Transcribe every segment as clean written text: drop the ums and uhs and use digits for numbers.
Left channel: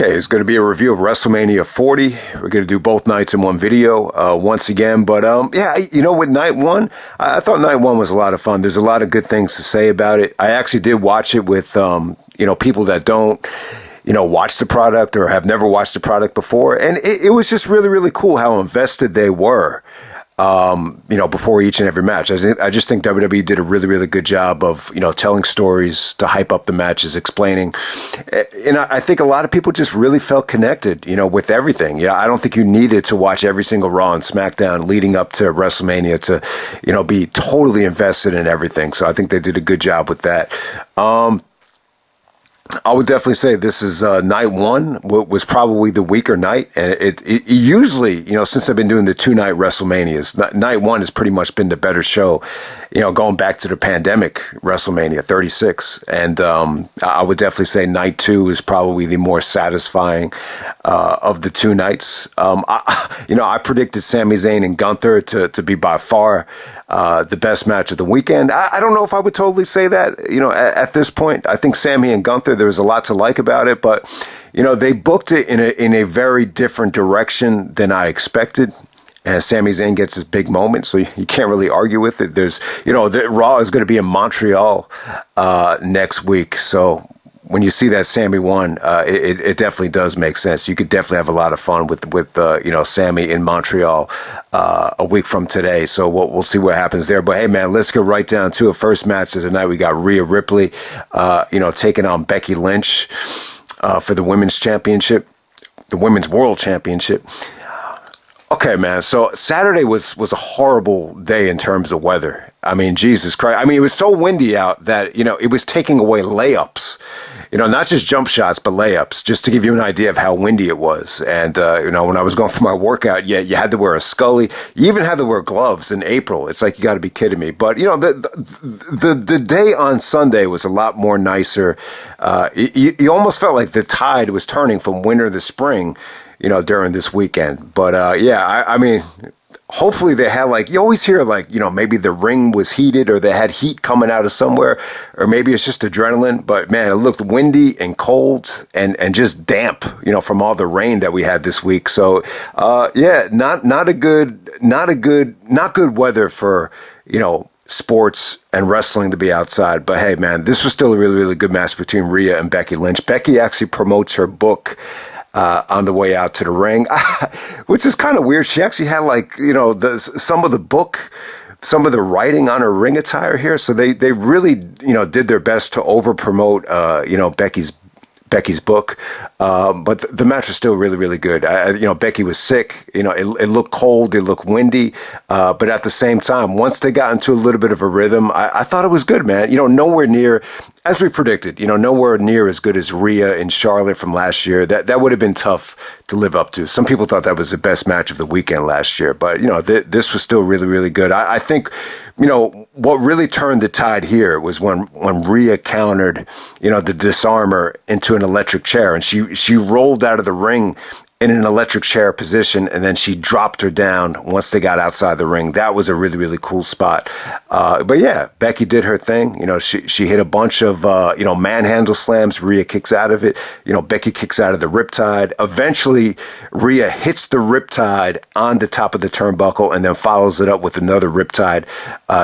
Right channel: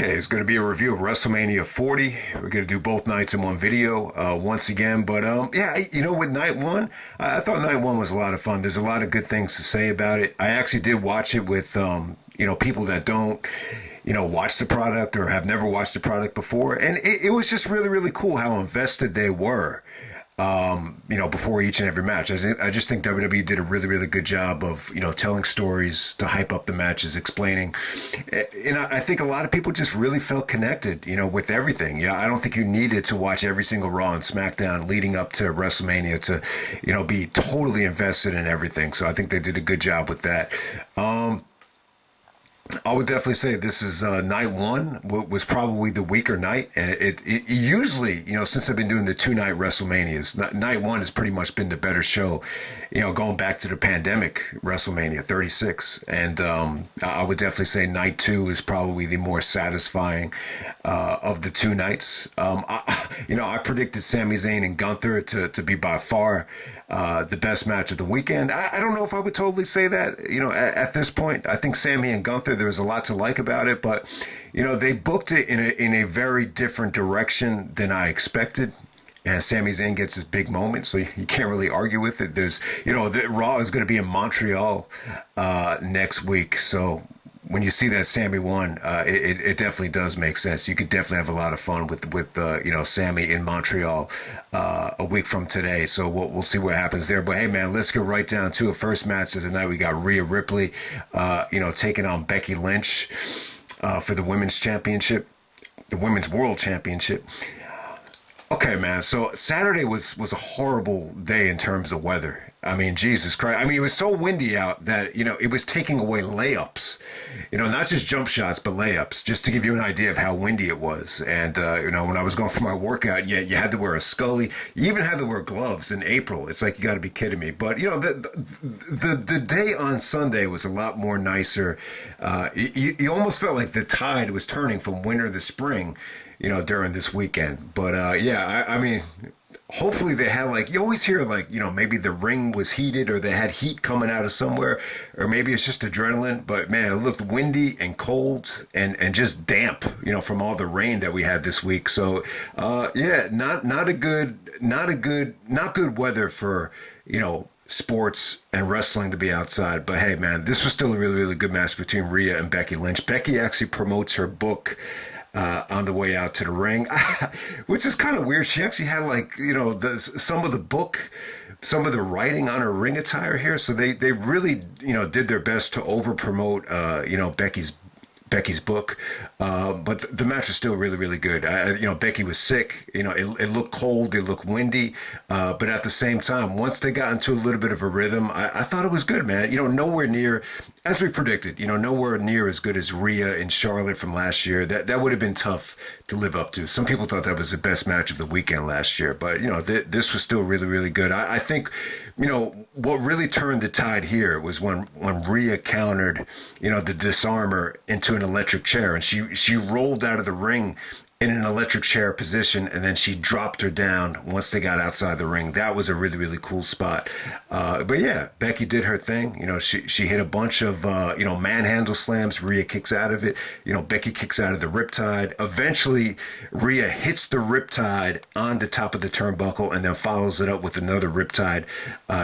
Okay, it's going to be a review of WrestleMania 40. We're going to do both nights in one video once again. But yeah, with night one, I thought night one was a lot of fun. There's a lot of good things to say about it. I actually did watch it with, people that don't, watch the product or have never watched the product before. And it was just really, really cool how invested they were. Before each and every match. I just think WWE did a really, really good job of, telling stories to hype up the matches, explaining. And I think a lot of people just really felt connected, with everything. I don't think you needed to watch every single Raw and SmackDown leading up to WrestleMania to, be totally invested in everything. So I think they did a good job with that. I would definitely say this is night one was probably the weaker night. And it usually, since I've been doing the 2-night WrestleManias, night one has pretty much been the better show, going back to the pandemic WrestleMania 36. And I would definitely say night two is probably the more satisfying of the 2 nights. I predicted Sami Zayn and Gunther to be by far the best match of the weekend. I don't know if I would totally say that, at this point. I think Sami and Gunther, there's a lot to like about it, but, they booked it in a very different direction than I expected. And Sami Zayn gets his big moment, so you can't really argue with it. There's, Raw is going to be in Montreal next week, so when you see that Sami won, it definitely does make sense. You could definitely have a lot of fun with Sami in Montreal a week from today. So we'll see what happens there. But hey, man, let's go right down to a first match of the night. We got Rhea Ripley, taking on Becky Lynch for the women's championship, the women's world championship. Okay, man. So Saturday was a horrible day in terms of weather. I mean, Jesus Christ. I mean, it was so windy out that, it was taking away layups, not just jump shots, but layups, just to give you an idea of how windy it was. And, when I was going for my workout, you had to wear a Scully. You even had to wear gloves in April. It's like, you got to be kidding me. But, the day on Sunday was a lot more nicer. You almost felt like the tide was turning from winter to spring, during this weekend. But, I mean, hopefully they had you always hear maybe the ring was heated or they had heat coming out of somewhere, or maybe it's just adrenaline. But man, it looked windy and cold and just damp, from all the rain that we had this week. So, not good weather for, sports and wrestling to be outside. But hey, man, this was still a really, really good match between Rhea and Becky Lynch. Becky actually promotes her book on the way out to the ring, which is kind of weird. She actually had some of the writing on her ring attire here. So they really, did their best to over promote, Becky's book. But the match was still really, really good. Becky was sick. It looked cold. It looked windy. But at the same time, once they got into a little bit of a rhythm, I thought it was good, man. Nowhere near, as we predicted, nowhere near as good as Rhea and Charlotte from last year. That would have been tough to live up to. Some people thought that was the best match of the weekend last year. But, this was still really, really good. I think, what really turned the tide here was when Rhea countered, the disarmer into an electric chair, and she rolled out of the ring in an electric chair position, and then she dropped her down once they got outside the ring. That was a really, really cool spot. But yeah, Becky did her thing. She hit a bunch of, manhandle slams. Rhea kicks out of it. Becky kicks out of the riptide. Eventually, Rhea hits the riptide on the top of the turnbuckle and then follows it up with another riptide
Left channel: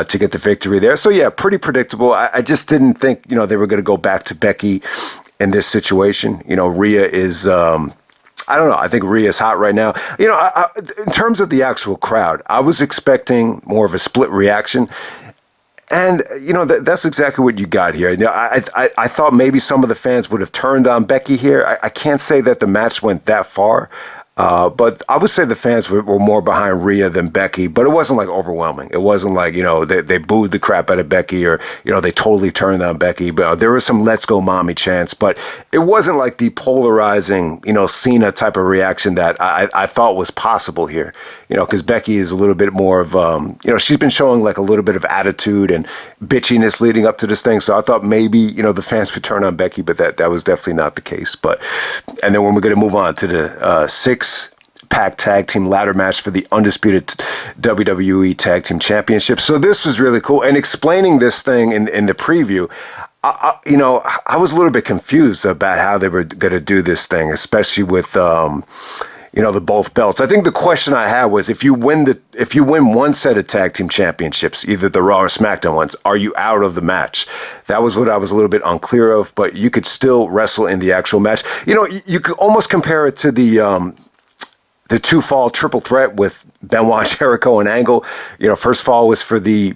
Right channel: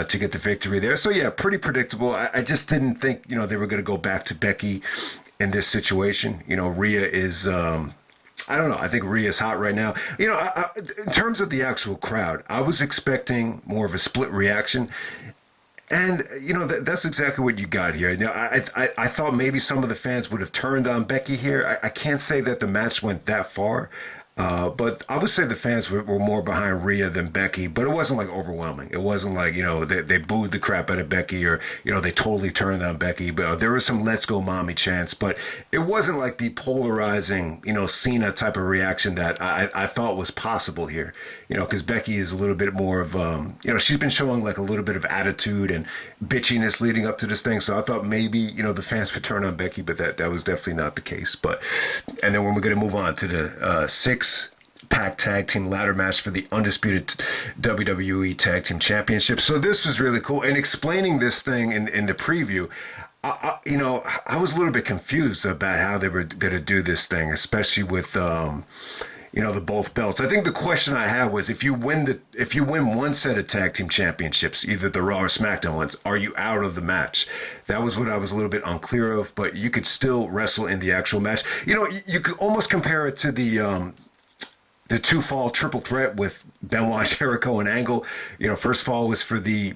to get the victory there. So yeah, pretty predictable. I just didn't think, they were going to go back to Becky in this situation. Rhea is... I don't know. I think Rhea's hot right now. In terms of the actual crowd, I was expecting more of a split reaction. And, that's exactly what you got here. I thought maybe some of the fans would have turned on Becky here. I can't say that the match went that far. But I would say the fans were more behind Rhea than Becky, but it wasn't overwhelming. It wasn't they booed the crap out of Becky or, they totally turned on Becky. But there was some let's go mommy chants, but it wasn't like the polarizing, Cena type of reaction that I thought was possible here, because Becky is a little bit more of, she's been showing a little bit of attitude and bitchiness leading up to this thing. So I thought maybe, the fans would turn on Becky, but that was definitely not the case. And then when we're going to move on to the 6-pack tag team ladder match for the Undisputed WWE Tag Team Championship. So this was really cool. And explaining this thing in the preview, I was a little bit confused about how they were going to do this thing, especially with the both belts. I think the question I had was if you win one set of tag team championships, either the Raw or SmackDown ones, are you out of the match? That was what I was a little bit unclear of, but you could still wrestle in the actual match. You could almost compare it to the two-fall triple threat with Benoit, Jericho, and Angle. First fall was for the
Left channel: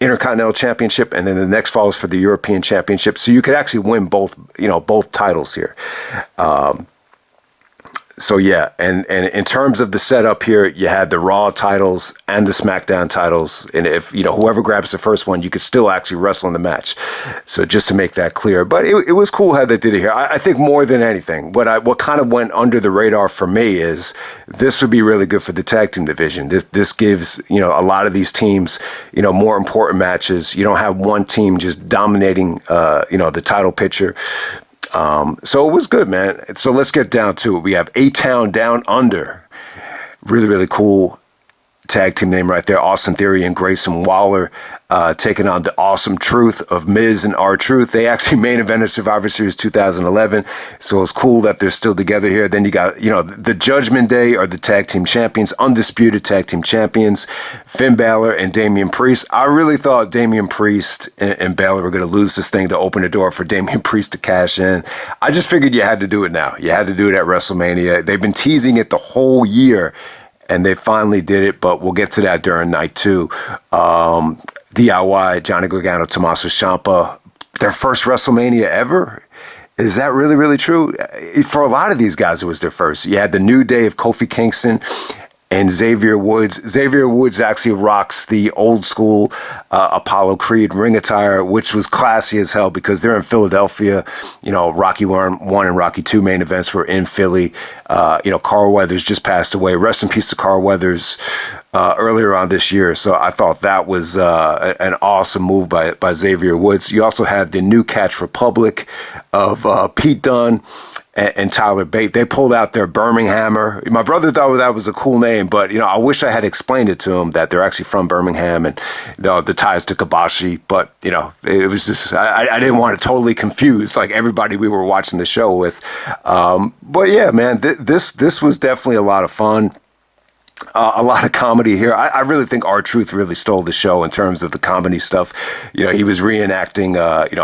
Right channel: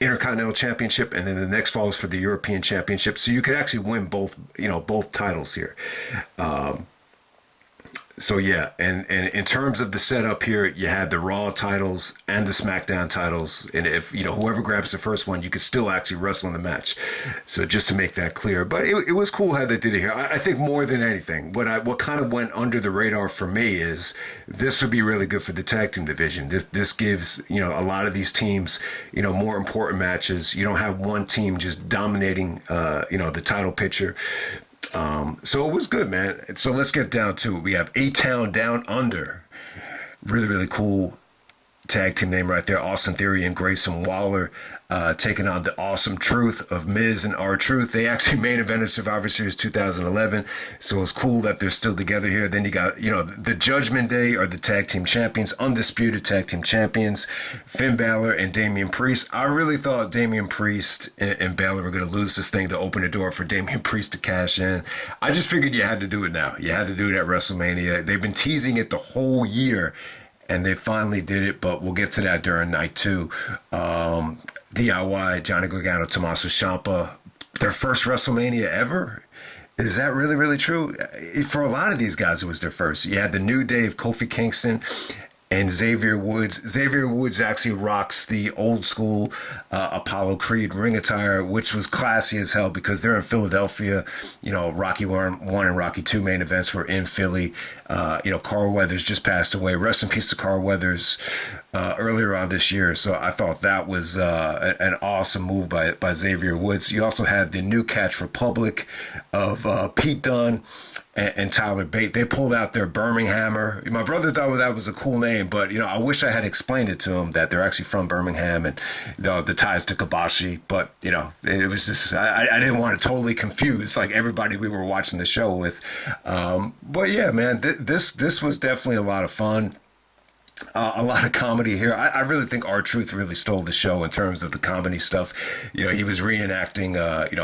Intercontinental Championship, and then the next fall was for the European Championship. So you could actually win both titles here. So yeah, and in terms of the setup here, you had the Raw titles and the SmackDown titles, and if whoever grabs the first one, you could still actually wrestle in the match. So just to make that clear, but it was cool how they did it here. I think more than anything, what kind of went under the radar for me is this would be really good for the tag team division. This gives a lot of these teams more important matches. You don't have one team just dominating the title picture. So it was good, man. So let's get down to it. We have A-Town Down Under. Really, really cool tag team name right there. Austin Theory and Grayson Waller taking on the Awesome Truth of Miz and R-Truth. They actually main evented Survivor Series 2011. So it's cool that they're still together here. Then you got, the Judgment Day are the tag team champions, undisputed tag team champions, Finn Balor and Damian Priest. I really thought Damian Priest and Balor were going to lose this thing to open the door for Damian Priest to cash in. I just figured you had to do it now. You had to do it at WrestleMania. They've been teasing it the whole year, and they finally did it, but we'll get to that during night two. DIY, Johnny Gargano, Tommaso Ciampa, their first WrestleMania ever? Is that really, really true? For a lot of these guys, it was their first. You had the New Day of Kofi Kingston and Xavier Woods. Xavier Woods actually rocks the old school Apollo Creed ring attire, which was classy as hell because they're in Philadelphia. Rocky 1 and Rocky 2 main events were in Philly. Carl Weathers just passed away. Rest in peace to Carl Weathers earlier on this year. So I thought that was an awesome move by Xavier Woods. You also had the New Catch Republic of Pete Dunne and Tyler Bate. They pulled out their Birminghammer. My brother thought that was a cool name, but I wish I had explained it to him that they're actually from Birmingham and the ties to Kabashi. But it was just I didn't want to totally confuse like everybody we were watching the show with. But yeah, man, this was definitely a lot of fun. A lot of comedy here. I really think R-Truth really stole the show in terms of the comedy stuff. He was reenacting,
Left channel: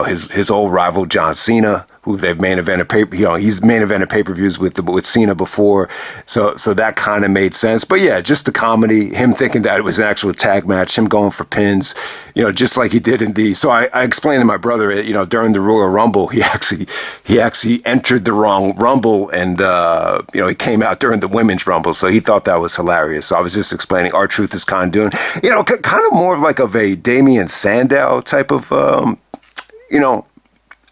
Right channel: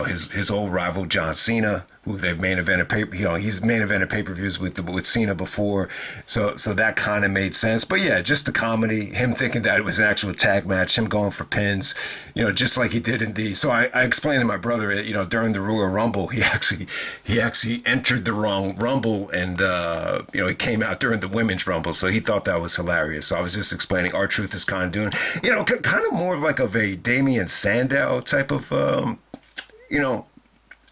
his old rival John Cena, who they've main evented he's main evented pay-per-views with Cena before. So that kind of made sense. But yeah, just the comedy, him thinking that it was an actual tag match, him going for pins, just like he did in so I explained to my brother, during the Royal Rumble, he actually entered the wrong Rumble and, he came out during the Women's Rumble. So he thought that was hilarious. So I was just explaining R-Truth is kind of doing, kind of more like of a Damian Sandow type of,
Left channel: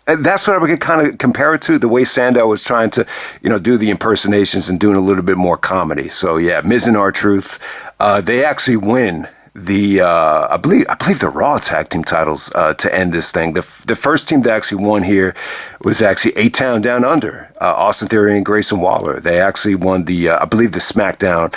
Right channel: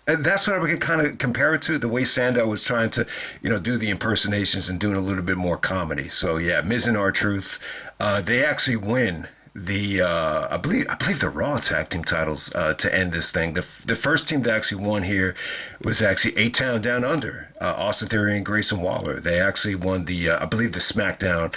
and that's what I would kind of compare it to, the way Sandow was trying to, do the impersonations and doing a little bit more comedy. So yeah, Miz and R-Truth, they actually win the I believe the Raw tag team titles to end this thing. The first team that actually won here was actually A-Town Down Under, Austin Theory and Grayson Waller. They actually won the I believe the SmackDown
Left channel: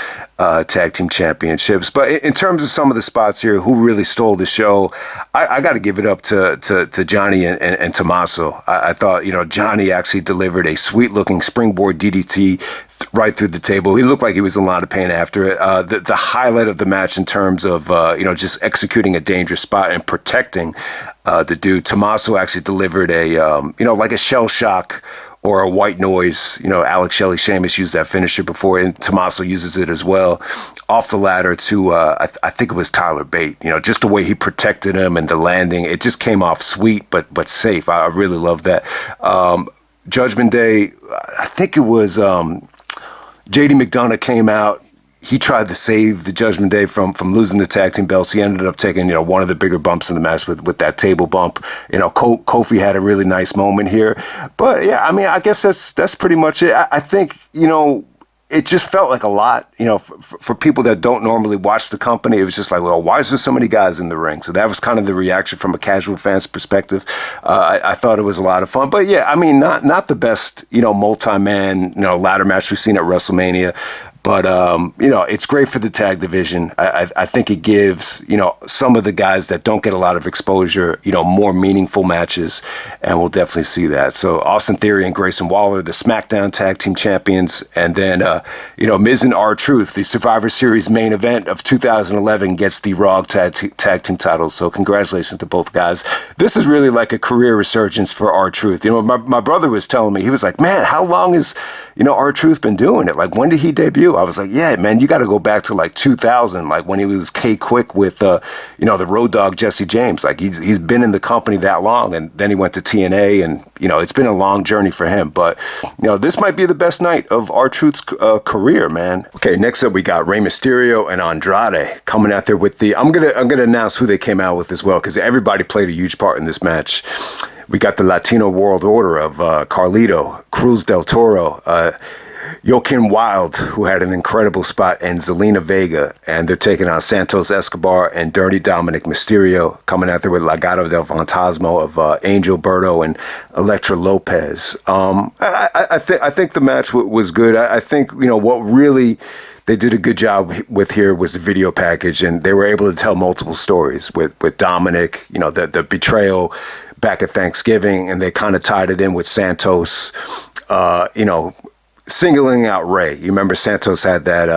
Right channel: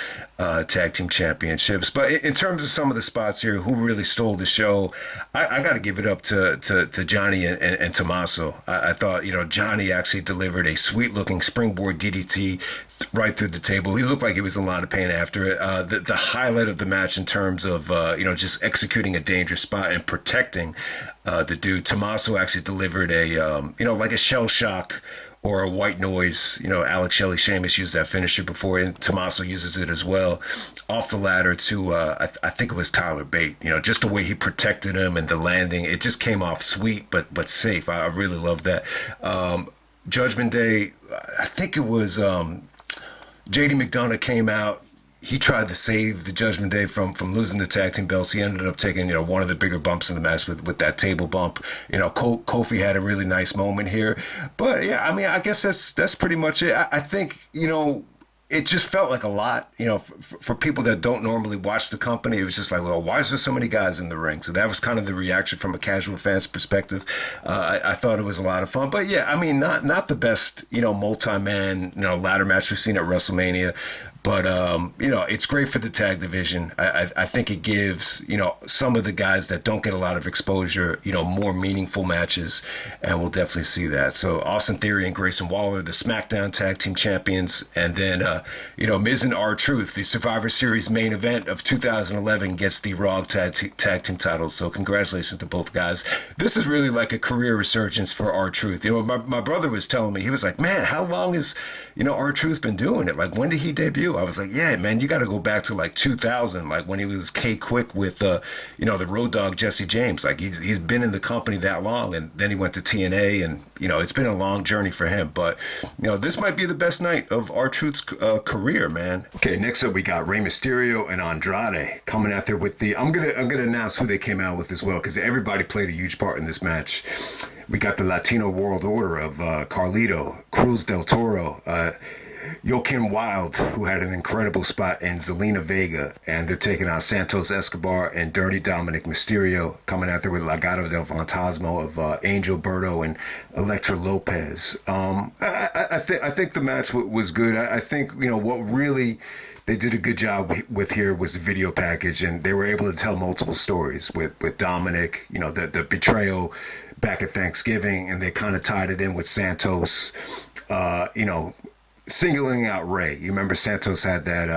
tag team championships. But in terms of some of the spots here, who really stole the show, I got to give it up to Johnny and Tommaso. I thought Johnny actually delivered a sweet looking springboard DDT right through the table. He looked like he was in a lot of pain after it. The highlight of the match in terms of just executing a dangerous spot and protecting the dude. Tommaso actually delivered a like a shell shock or a white noise. Alex Shelley Sheamus used that finisher before, and Tommaso uses it as well. Off the ladder to, I think it was Tyler Bate. Just the way he protected him and the landing, it just came off sweet but safe. I really love that. Judgment Day, I think it was J.D. McDonough came out. He tried to save the Judgment Day from losing the tag team belts. He ended up taking, one of the bigger bumps in the match with that table bump. Kofi had a really nice moment here. But yeah, I mean, I guess that's pretty much it. I think, it just felt like a lot, for people that don't normally watch the company. It was just like, well, why is there so many guys in the ring? So that was kind of the reaction from a casual fan's perspective. I thought it was a lot of fun. But yeah, I mean, not the best, multi-man, ladder match we've seen at WrestleMania. But, it's great for the tag division. I think it gives, some of the guys that don't get a lot of exposure, more meaningful matches. And we'll definitely see that. So Austin Theory and Grayson Waller, the SmackDown Tag Team Champions. And then, Miz and R-Truth, the Survivor Series main event of 2011, gets the Raw tag team titles. So congratulations to both guys. This is really like a career resurgence for R-Truth. My brother was telling me, he was like, man, how long has, R-Truth been doing it? Like, when did he debut? I was like, yeah, man, you got to go back to like 2000, like when he was K-Quick with, the Road Dogg Jesse James. Like, he's been in the company that long, and then he went to TNA, and, it's been a long journey for him. But, this might be the best night of R-Truth's career, man. Okay, next up we got Rey Mysterio and Andrade coming out there with the, I'm gonna announce who they came out with as well, because everybody played a huge part in this match. We got the Latino World Order of Carlito, Cruz del Toro, Joaquin Wilde, who had an incredible spot, and Zelina Vega. And they're taking on Santos, Escobar, and Dirty Dominik Mysterio, coming out there with Legado del Fantasma of Angel Berto and Elektra Lopez. I think the match was good. I think, what really they did a good job with here was the video package, and they were able to tell multiple stories with Dominik, the betrayal back at Thanksgiving, and they kind of tied it in with Santos, singling out Rey. You remember Santos had that,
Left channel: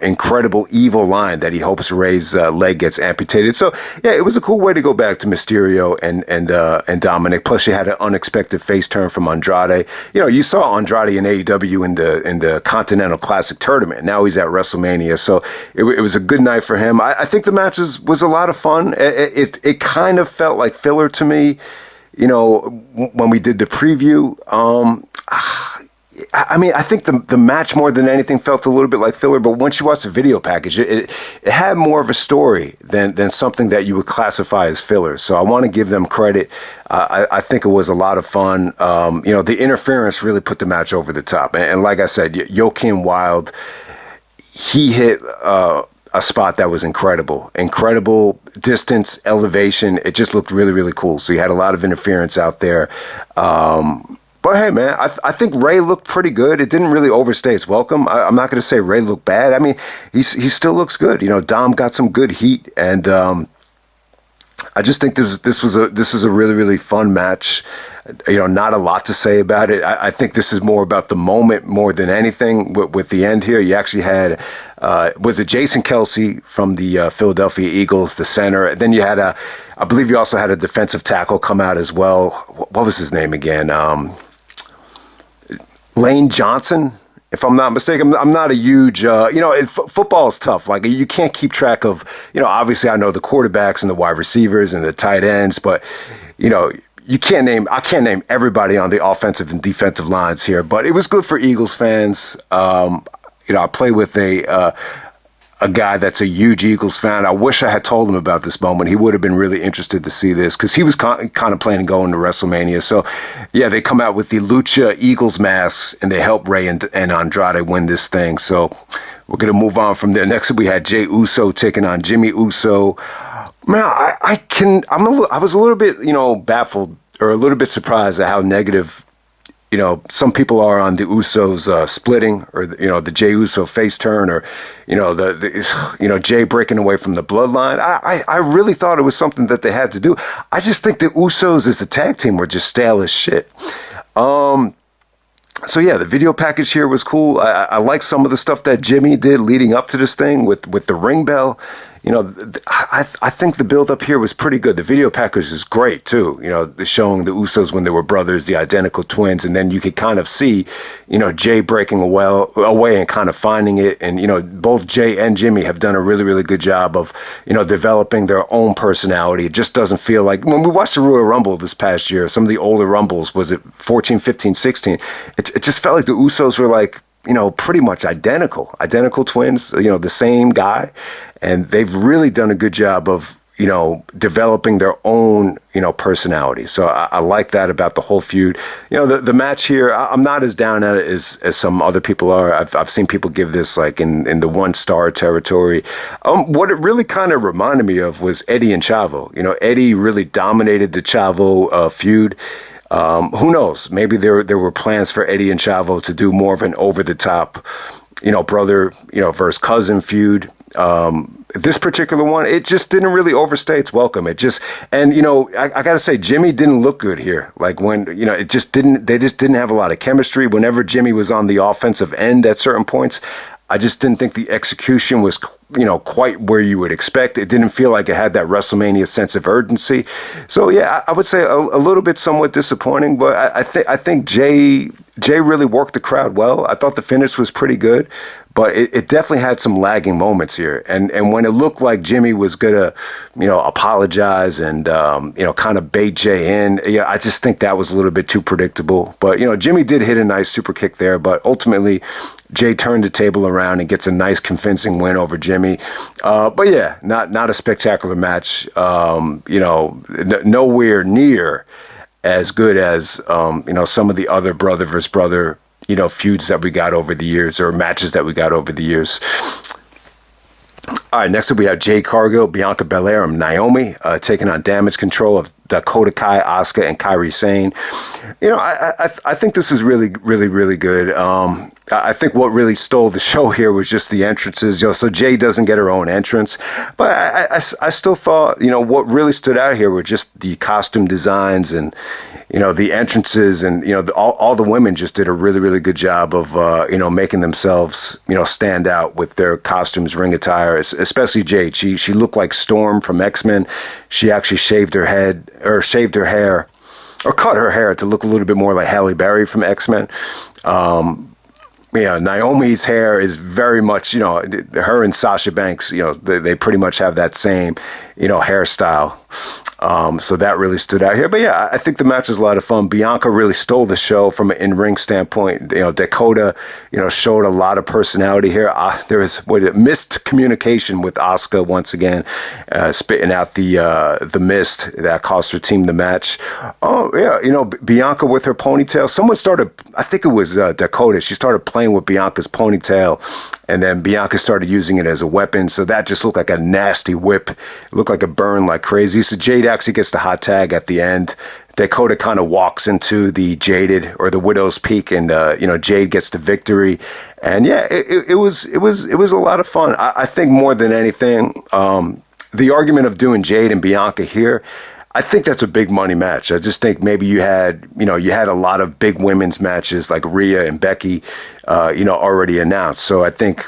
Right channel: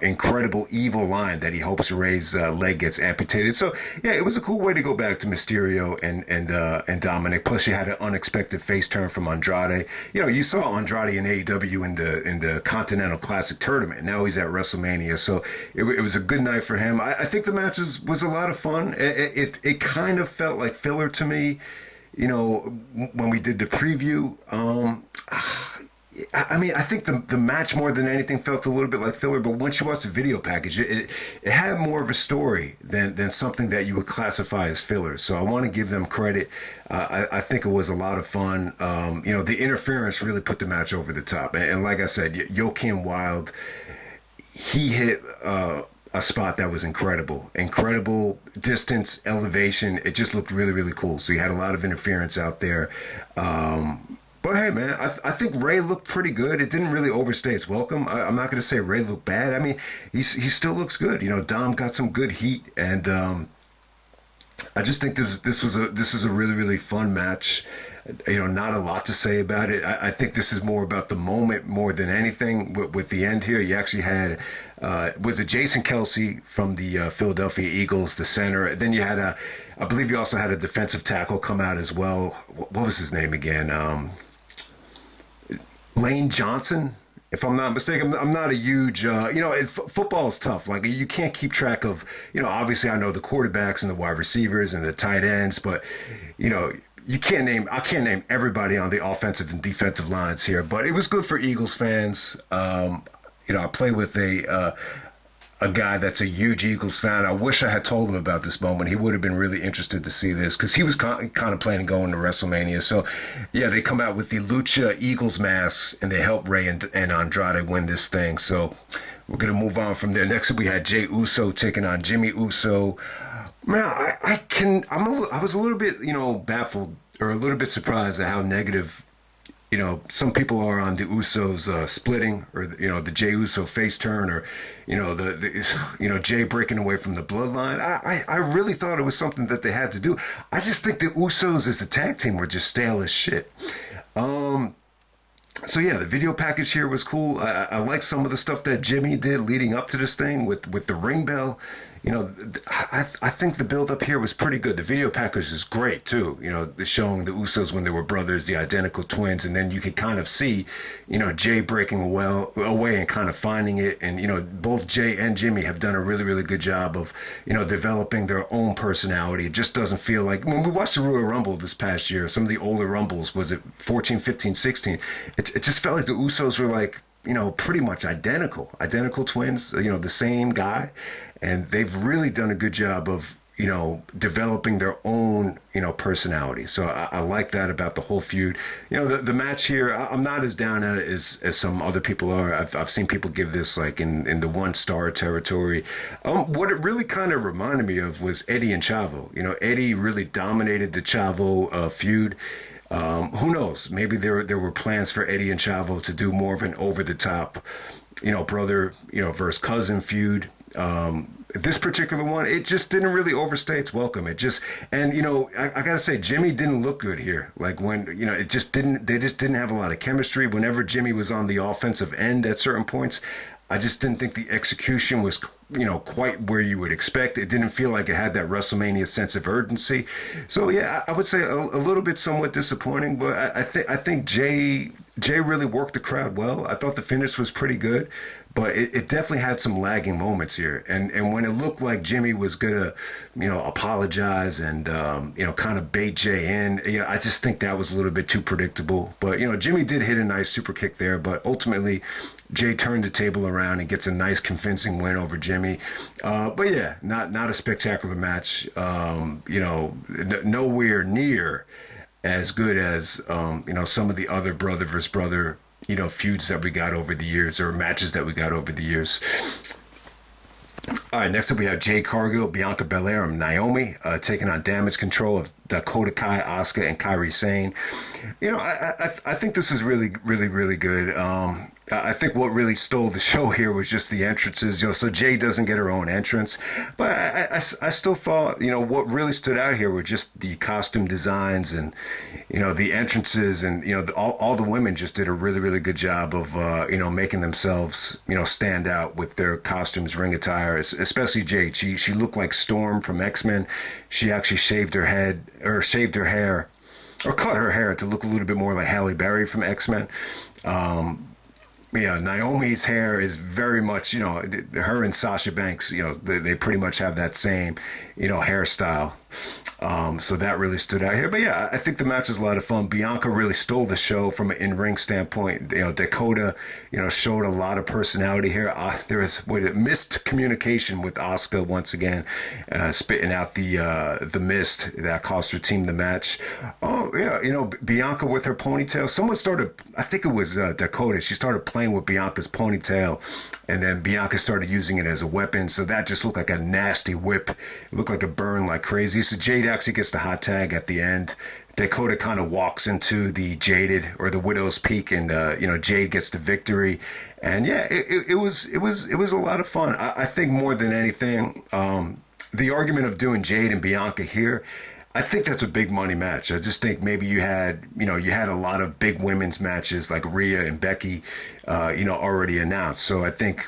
incredible evil line that he hopes Rey's leg gets amputated. So, yeah, it was a cool way to go back to Mysterio and Dominik. Plus, you had an unexpected face turn from Andrade. You saw Andrade in AEW in the Continental Classic tournament. Now he's at WrestleMania. So it was a good night for him. I think the match was a lot of fun. It kind of felt like filler to me, when we did the preview. I think the match more than anything felt a little bit like filler, but once you watch the video package, it had more of a story than something that you would classify as filler. So I want to give them credit. I think it was a lot of fun. The interference really put the match over the top. And like I said, Joaquin Wilde, he hit a spot that was incredible distance, elevation. It just looked really, really cool. So you had a lot of interference out there. But hey, man, I think Rey looked pretty good. It didn't really overstay its welcome. I'm not going to say Rey looked bad. I mean, he still looks good. Dom got some good heat, and I just think this was a really, really fun match. Not a lot to say about it. I think this is more about the moment more than anything. With the end here, you actually had was it Jason Kelsey from the Philadelphia Eagles, the center. Then you had I believe you also had a defensive tackle come out as well. What was his name again? Lane Johnson, if I'm not mistaken. I'm not a huge, football is tough. Like, you can't keep track of, obviously I know the quarterbacks and the wide receivers and the tight ends, but, I can't name everybody on the offensive and defensive lines here, but it was good for Eagles fans. I play with a guy that's a huge Eagles fan. I wish I had told him about this moment. He would have been really interested to see this, because he was kind of planning going to WrestleMania. So, yeah, they come out with the Lucha Eagles masks, and they help Rey and Andrade win this thing. So we're going to move on from there. Next up, we had Jey Uso taking on Jimmy Uso. Man, I was a little bit, baffled or a little bit surprised at how negative some people are on the Usos splitting, or the Jey Uso face turn, or the Jey breaking away from the bloodline. I really thought it was something that they had to do. I just think the Usos as a tag team were just stale as shit. So yeah, the video package here was cool. I like some of the stuff that Jimmy did leading up to this thing with the ring bell. I think the build up here was pretty good. The video package is great too. Showing the Usos when they were brothers, the identical twins, and then you could kind of see, Jey breaking away and kind of finding it. And both Jey and Jimmy have done a really, really good job of developing their own personality. It just doesn't feel like when we watched the Royal Rumble this past year, some of the older Rumbles, was it 14, 15, 16? It just felt like the Usos were like pretty much identical twins. The same guy. And they've really done a good job of, developing their own, personality. So I like that about the whole feud. The match here, I'm not as down at it as some other people are. I've seen people give this like in the 1-star territory. What it really kind of reminded me of was Eddie and Chavo. Eddie really dominated the Chavo feud. Who knows? Maybe there were plans for Eddie and Chavo to do more of an over-the-top brother, versus cousin feud. This particular one, it just didn't really overstay its welcome. It just, and I gotta say, Jimmy didn't look good here. Like when, it just didn't, they just didn't have a lot of chemistry. Whenever Jimmy was on the offensive end at certain points, I just didn't think the execution was, quite where you would expect. It didn't feel like it had that WrestleMania sense of urgency. So yeah, I would say a little bit somewhat disappointing, but I think Jey really worked the crowd well. I thought the finish was pretty good. But it definitely had some lagging moments here. And when it looked like Jimmy was going to, apologize and, kind of bait Jey in, I just think that was a little bit too predictable. But, Jimmy did hit a nice super kick there. But ultimately, Jey turned the table around and gets a nice convincing win over Jimmy. But yeah, not a spectacular match. Nowhere near as good as, some of the other brother versus brother feuds that we got over the years or matches that we got over the years. All right, next up we have Jade Cargill, Bianca Belair, and Naomi taking on Damage Control of Dakota Kai, Asuka, and Kairi Sane. I think this is really, really, really good. I think what really stole the show here was just the entrances. So Jade doesn't get her own entrance, but I still thought what really stood out here were just the costume designs and the entrances and all the women just did a really, really good job of making themselves stand out with their costumes, ring attire, especially Jade. She looked like Storm from X-Men. She actually shaved her hair or cut her hair to look a little bit more like Halle Berry from X-Men. Naomi's hair is very much, her and Sasha Banks, they pretty much have that same, hairstyle. So that really stood out here. But yeah, I think the match was a lot of fun. Bianca really stole the show from an in-ring standpoint. Dakota, showed a lot of personality here. There was missed communication with Asuka once again, spitting out the mist that cost her team the match. Oh yeah, Bianca with her ponytail. Someone started, I think it was Dakota. She started playing with Bianca's ponytail. And then Bianca started using it as a weapon. So that just looked like a nasty whip. It looked like a burn like crazy. So Jade actually gets the hot tag at the end. Dakota kind of walks into the Jaded or the Widow's Peak, and Jade gets the victory. And yeah, it was a lot of fun. I think more than anything, the argument of doing Jade and Bianca here, I think that's a big money match. I just think maybe you had a lot of big women's matches like Rhea and Becky, already announced. So I think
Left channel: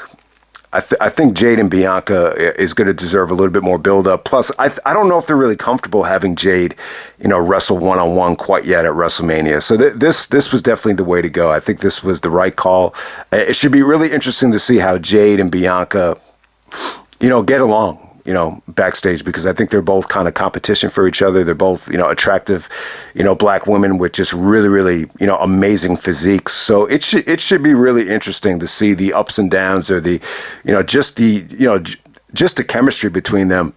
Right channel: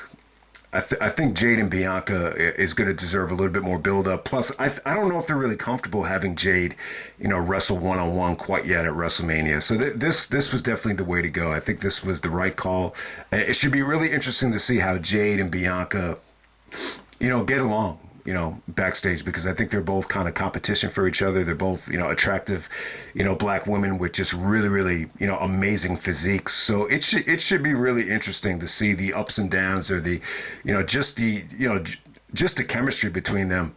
Jade and Bianca is going to deserve a little bit more build up. Plus, I don't know if they're really comfortable having Jade, wrestle one-on-one quite yet at WrestleMania. So this was definitely the way to go. I think this was the right call. It should be really interesting to see how Jade and Bianca, get along. Backstage, because I think they're both kind of competition for each other. They're both, attractive, black women with just really, really, amazing physiques. So it should be really interesting to see the ups and downs or the, just the chemistry between them,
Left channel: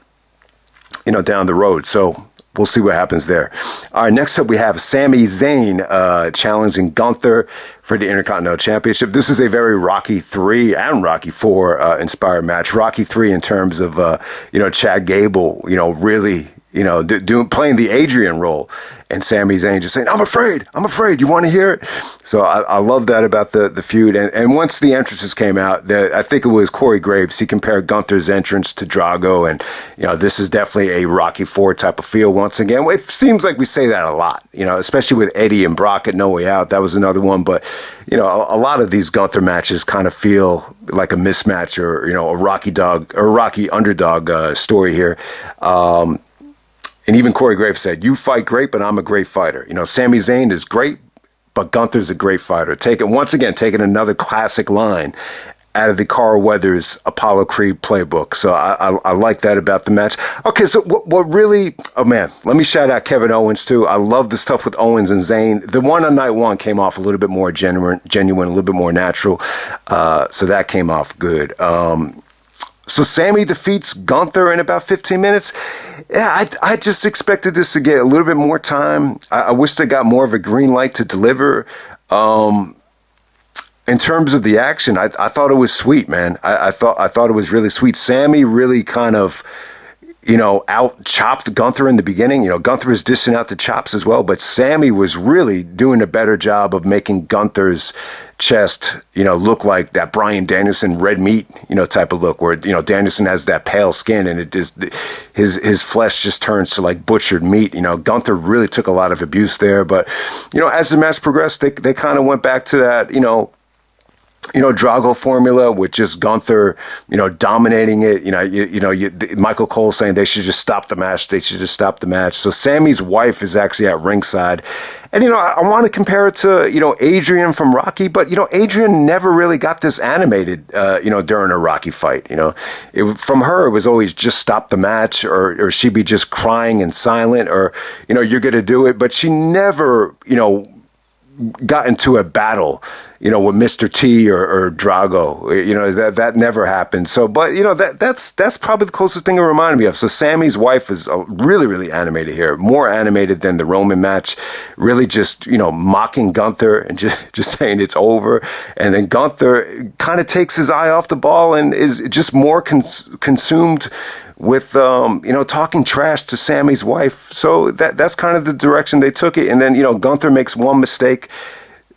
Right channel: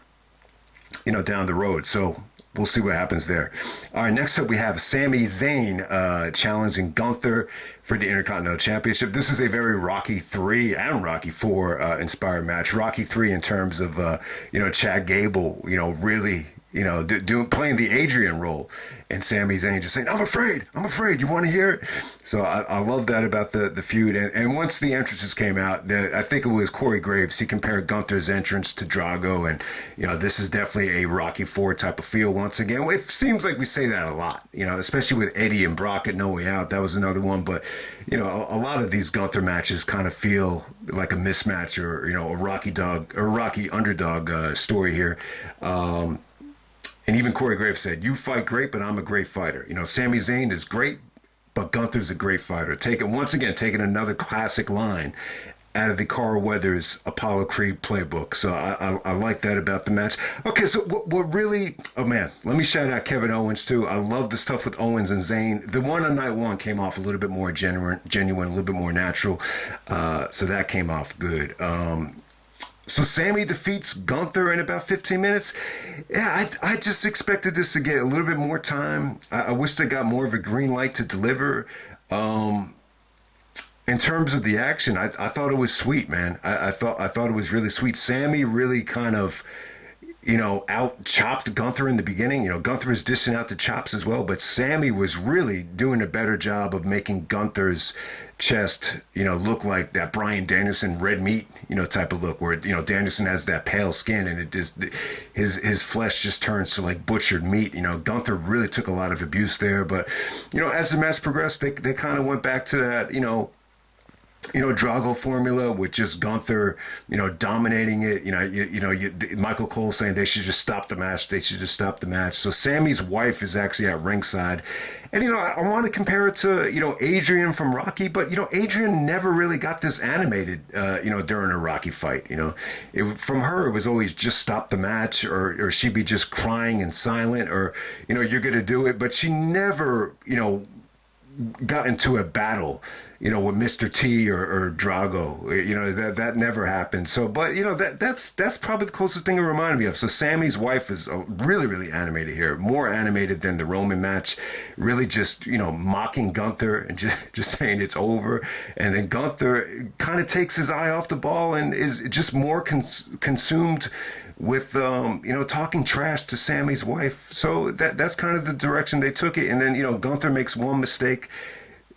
down the road. So we'll see what happens there. All right, next up we have Sami Zayn challenging Gunther for the Intercontinental Championship. This is a very Rocky 3 and Rocky 4 inspired match. Rocky 3 in terms of, Chad Gable, really, playing the Adrian role, and Sami Zayn just saying, I'm afraid, you want to hear it? So I love that about the feud. And once the entrances came out, I think it was Corey Graves, he compared Gunther's entrance to Drago, and, this is definitely a Rocky 4 type of feel once again. It seems like we say that a lot, especially with Eddie and Brock at No Way Out. That was another one, but, a lot of these Gunther matches kind of feel like a mismatch or, a Rocky underdog story here. And even Corey Graves said, you fight great, but I'm a great fighter. Sami Zayn is great, but Gunther's a great fighter. Taking another classic line out of the Carl Weathers Apollo Creed playbook. So I like that about the match. Okay, so what really, oh man, let me shout out Kevin Owens too. I love the stuff with Owens and Zayn. The one on night one came off a little bit more genuine, a little bit more natural. So that came off good. So Sami defeats Gunther in about 15 minutes. Yeah, I just expected this to get a little bit more time. I wish they got more of a green light to deliver. In terms of the action, I thought it was sweet, man. I thought it was really sweet. Sami really kind of, out chopped Gunther in the beginning. Gunther was dishing out the chops as well, but Sami was really doing a better job of making Gunther's chest, look like that Bryan Danielson red meat, type of look where, Danielson has that pale skin and it just, his flesh just turns to like butchered meat. Gunther really took a lot of abuse there, but, as the match progressed, they kind of went back to that, Drago formula with just Gunther, dominating it. Michael Cole saying they should just stop the match. They should just stop the match. So Sami's wife is actually at ringside. And, I want to compare it to, Adrian from Rocky, but, Adrian never really got this animated, during a Rocky fight. From her, it was always just stop the match or she'd be just crying and silent or, you're going to do it. But she never, got into a battle, with Mr. T or Drago. That never happened. So, but that's probably the closest thing it reminded me of. So Sami's wife is really, really animated here, more animated than the Roman match. Really, just mocking Gunther and just saying it's over. And then Gunther kind of takes his eye off the ball and is just more consumed with talking trash to Sami's wife. So that's kind of the direction they took it. And then Gunther makes one mistake.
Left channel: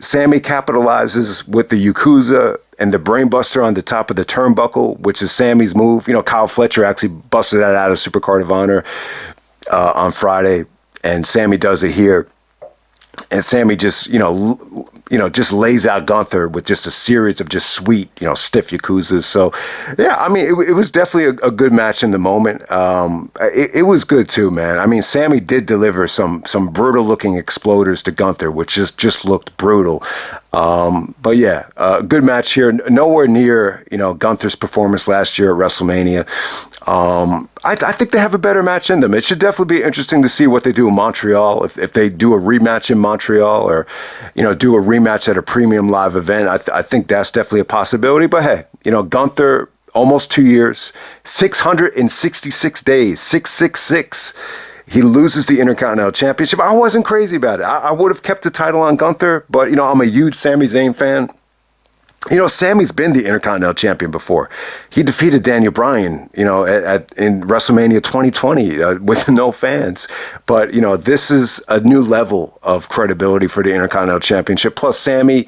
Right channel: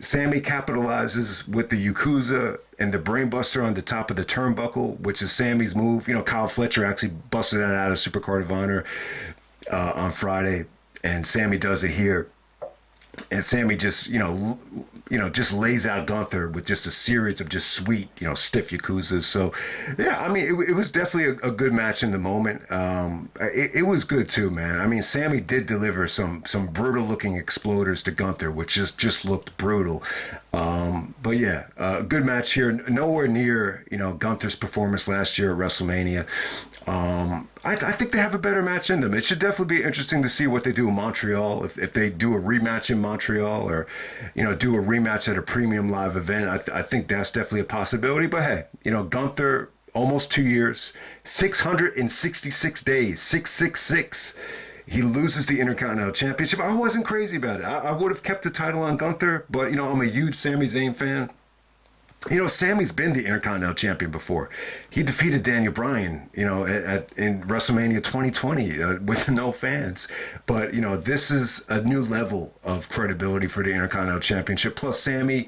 Sami capitalizes with the Yakuza and the brainbuster on the top of the turnbuckle, which is Sami's move. Kyle Fletcher actually busted that out of Supercard of Honor on Friday, and Sami does it here. And Sami just, just lays out Gunther with just a series of just sweet, stiff Yakuzas. So, yeah, I mean, it was definitely a good match in the moment. It was good too, man. I mean, Sami did deliver some brutal looking exploders to Gunther, which just looked brutal. But yeah, good match here. Nowhere near, Gunther's performance last year at WrestleMania. I think they have a better match in them. It should definitely be interesting to see what they do in Montreal. If they do a rematch in Montreal or, do a rematch at a premium live event, I think that's definitely a possibility. But hey, Gunther, almost 2 years, 666 days, 666. He loses the Intercontinental Championship. I wasn't crazy about it. I would have kept the title on Gunther, but, I'm a huge Sami Zayn fan. Sami's been the Intercontinental Champion before. He defeated Daniel Bryan, in WrestleMania 2020 with no fans. But, this is a new level of credibility for the Intercontinental Championship. Plus, Sami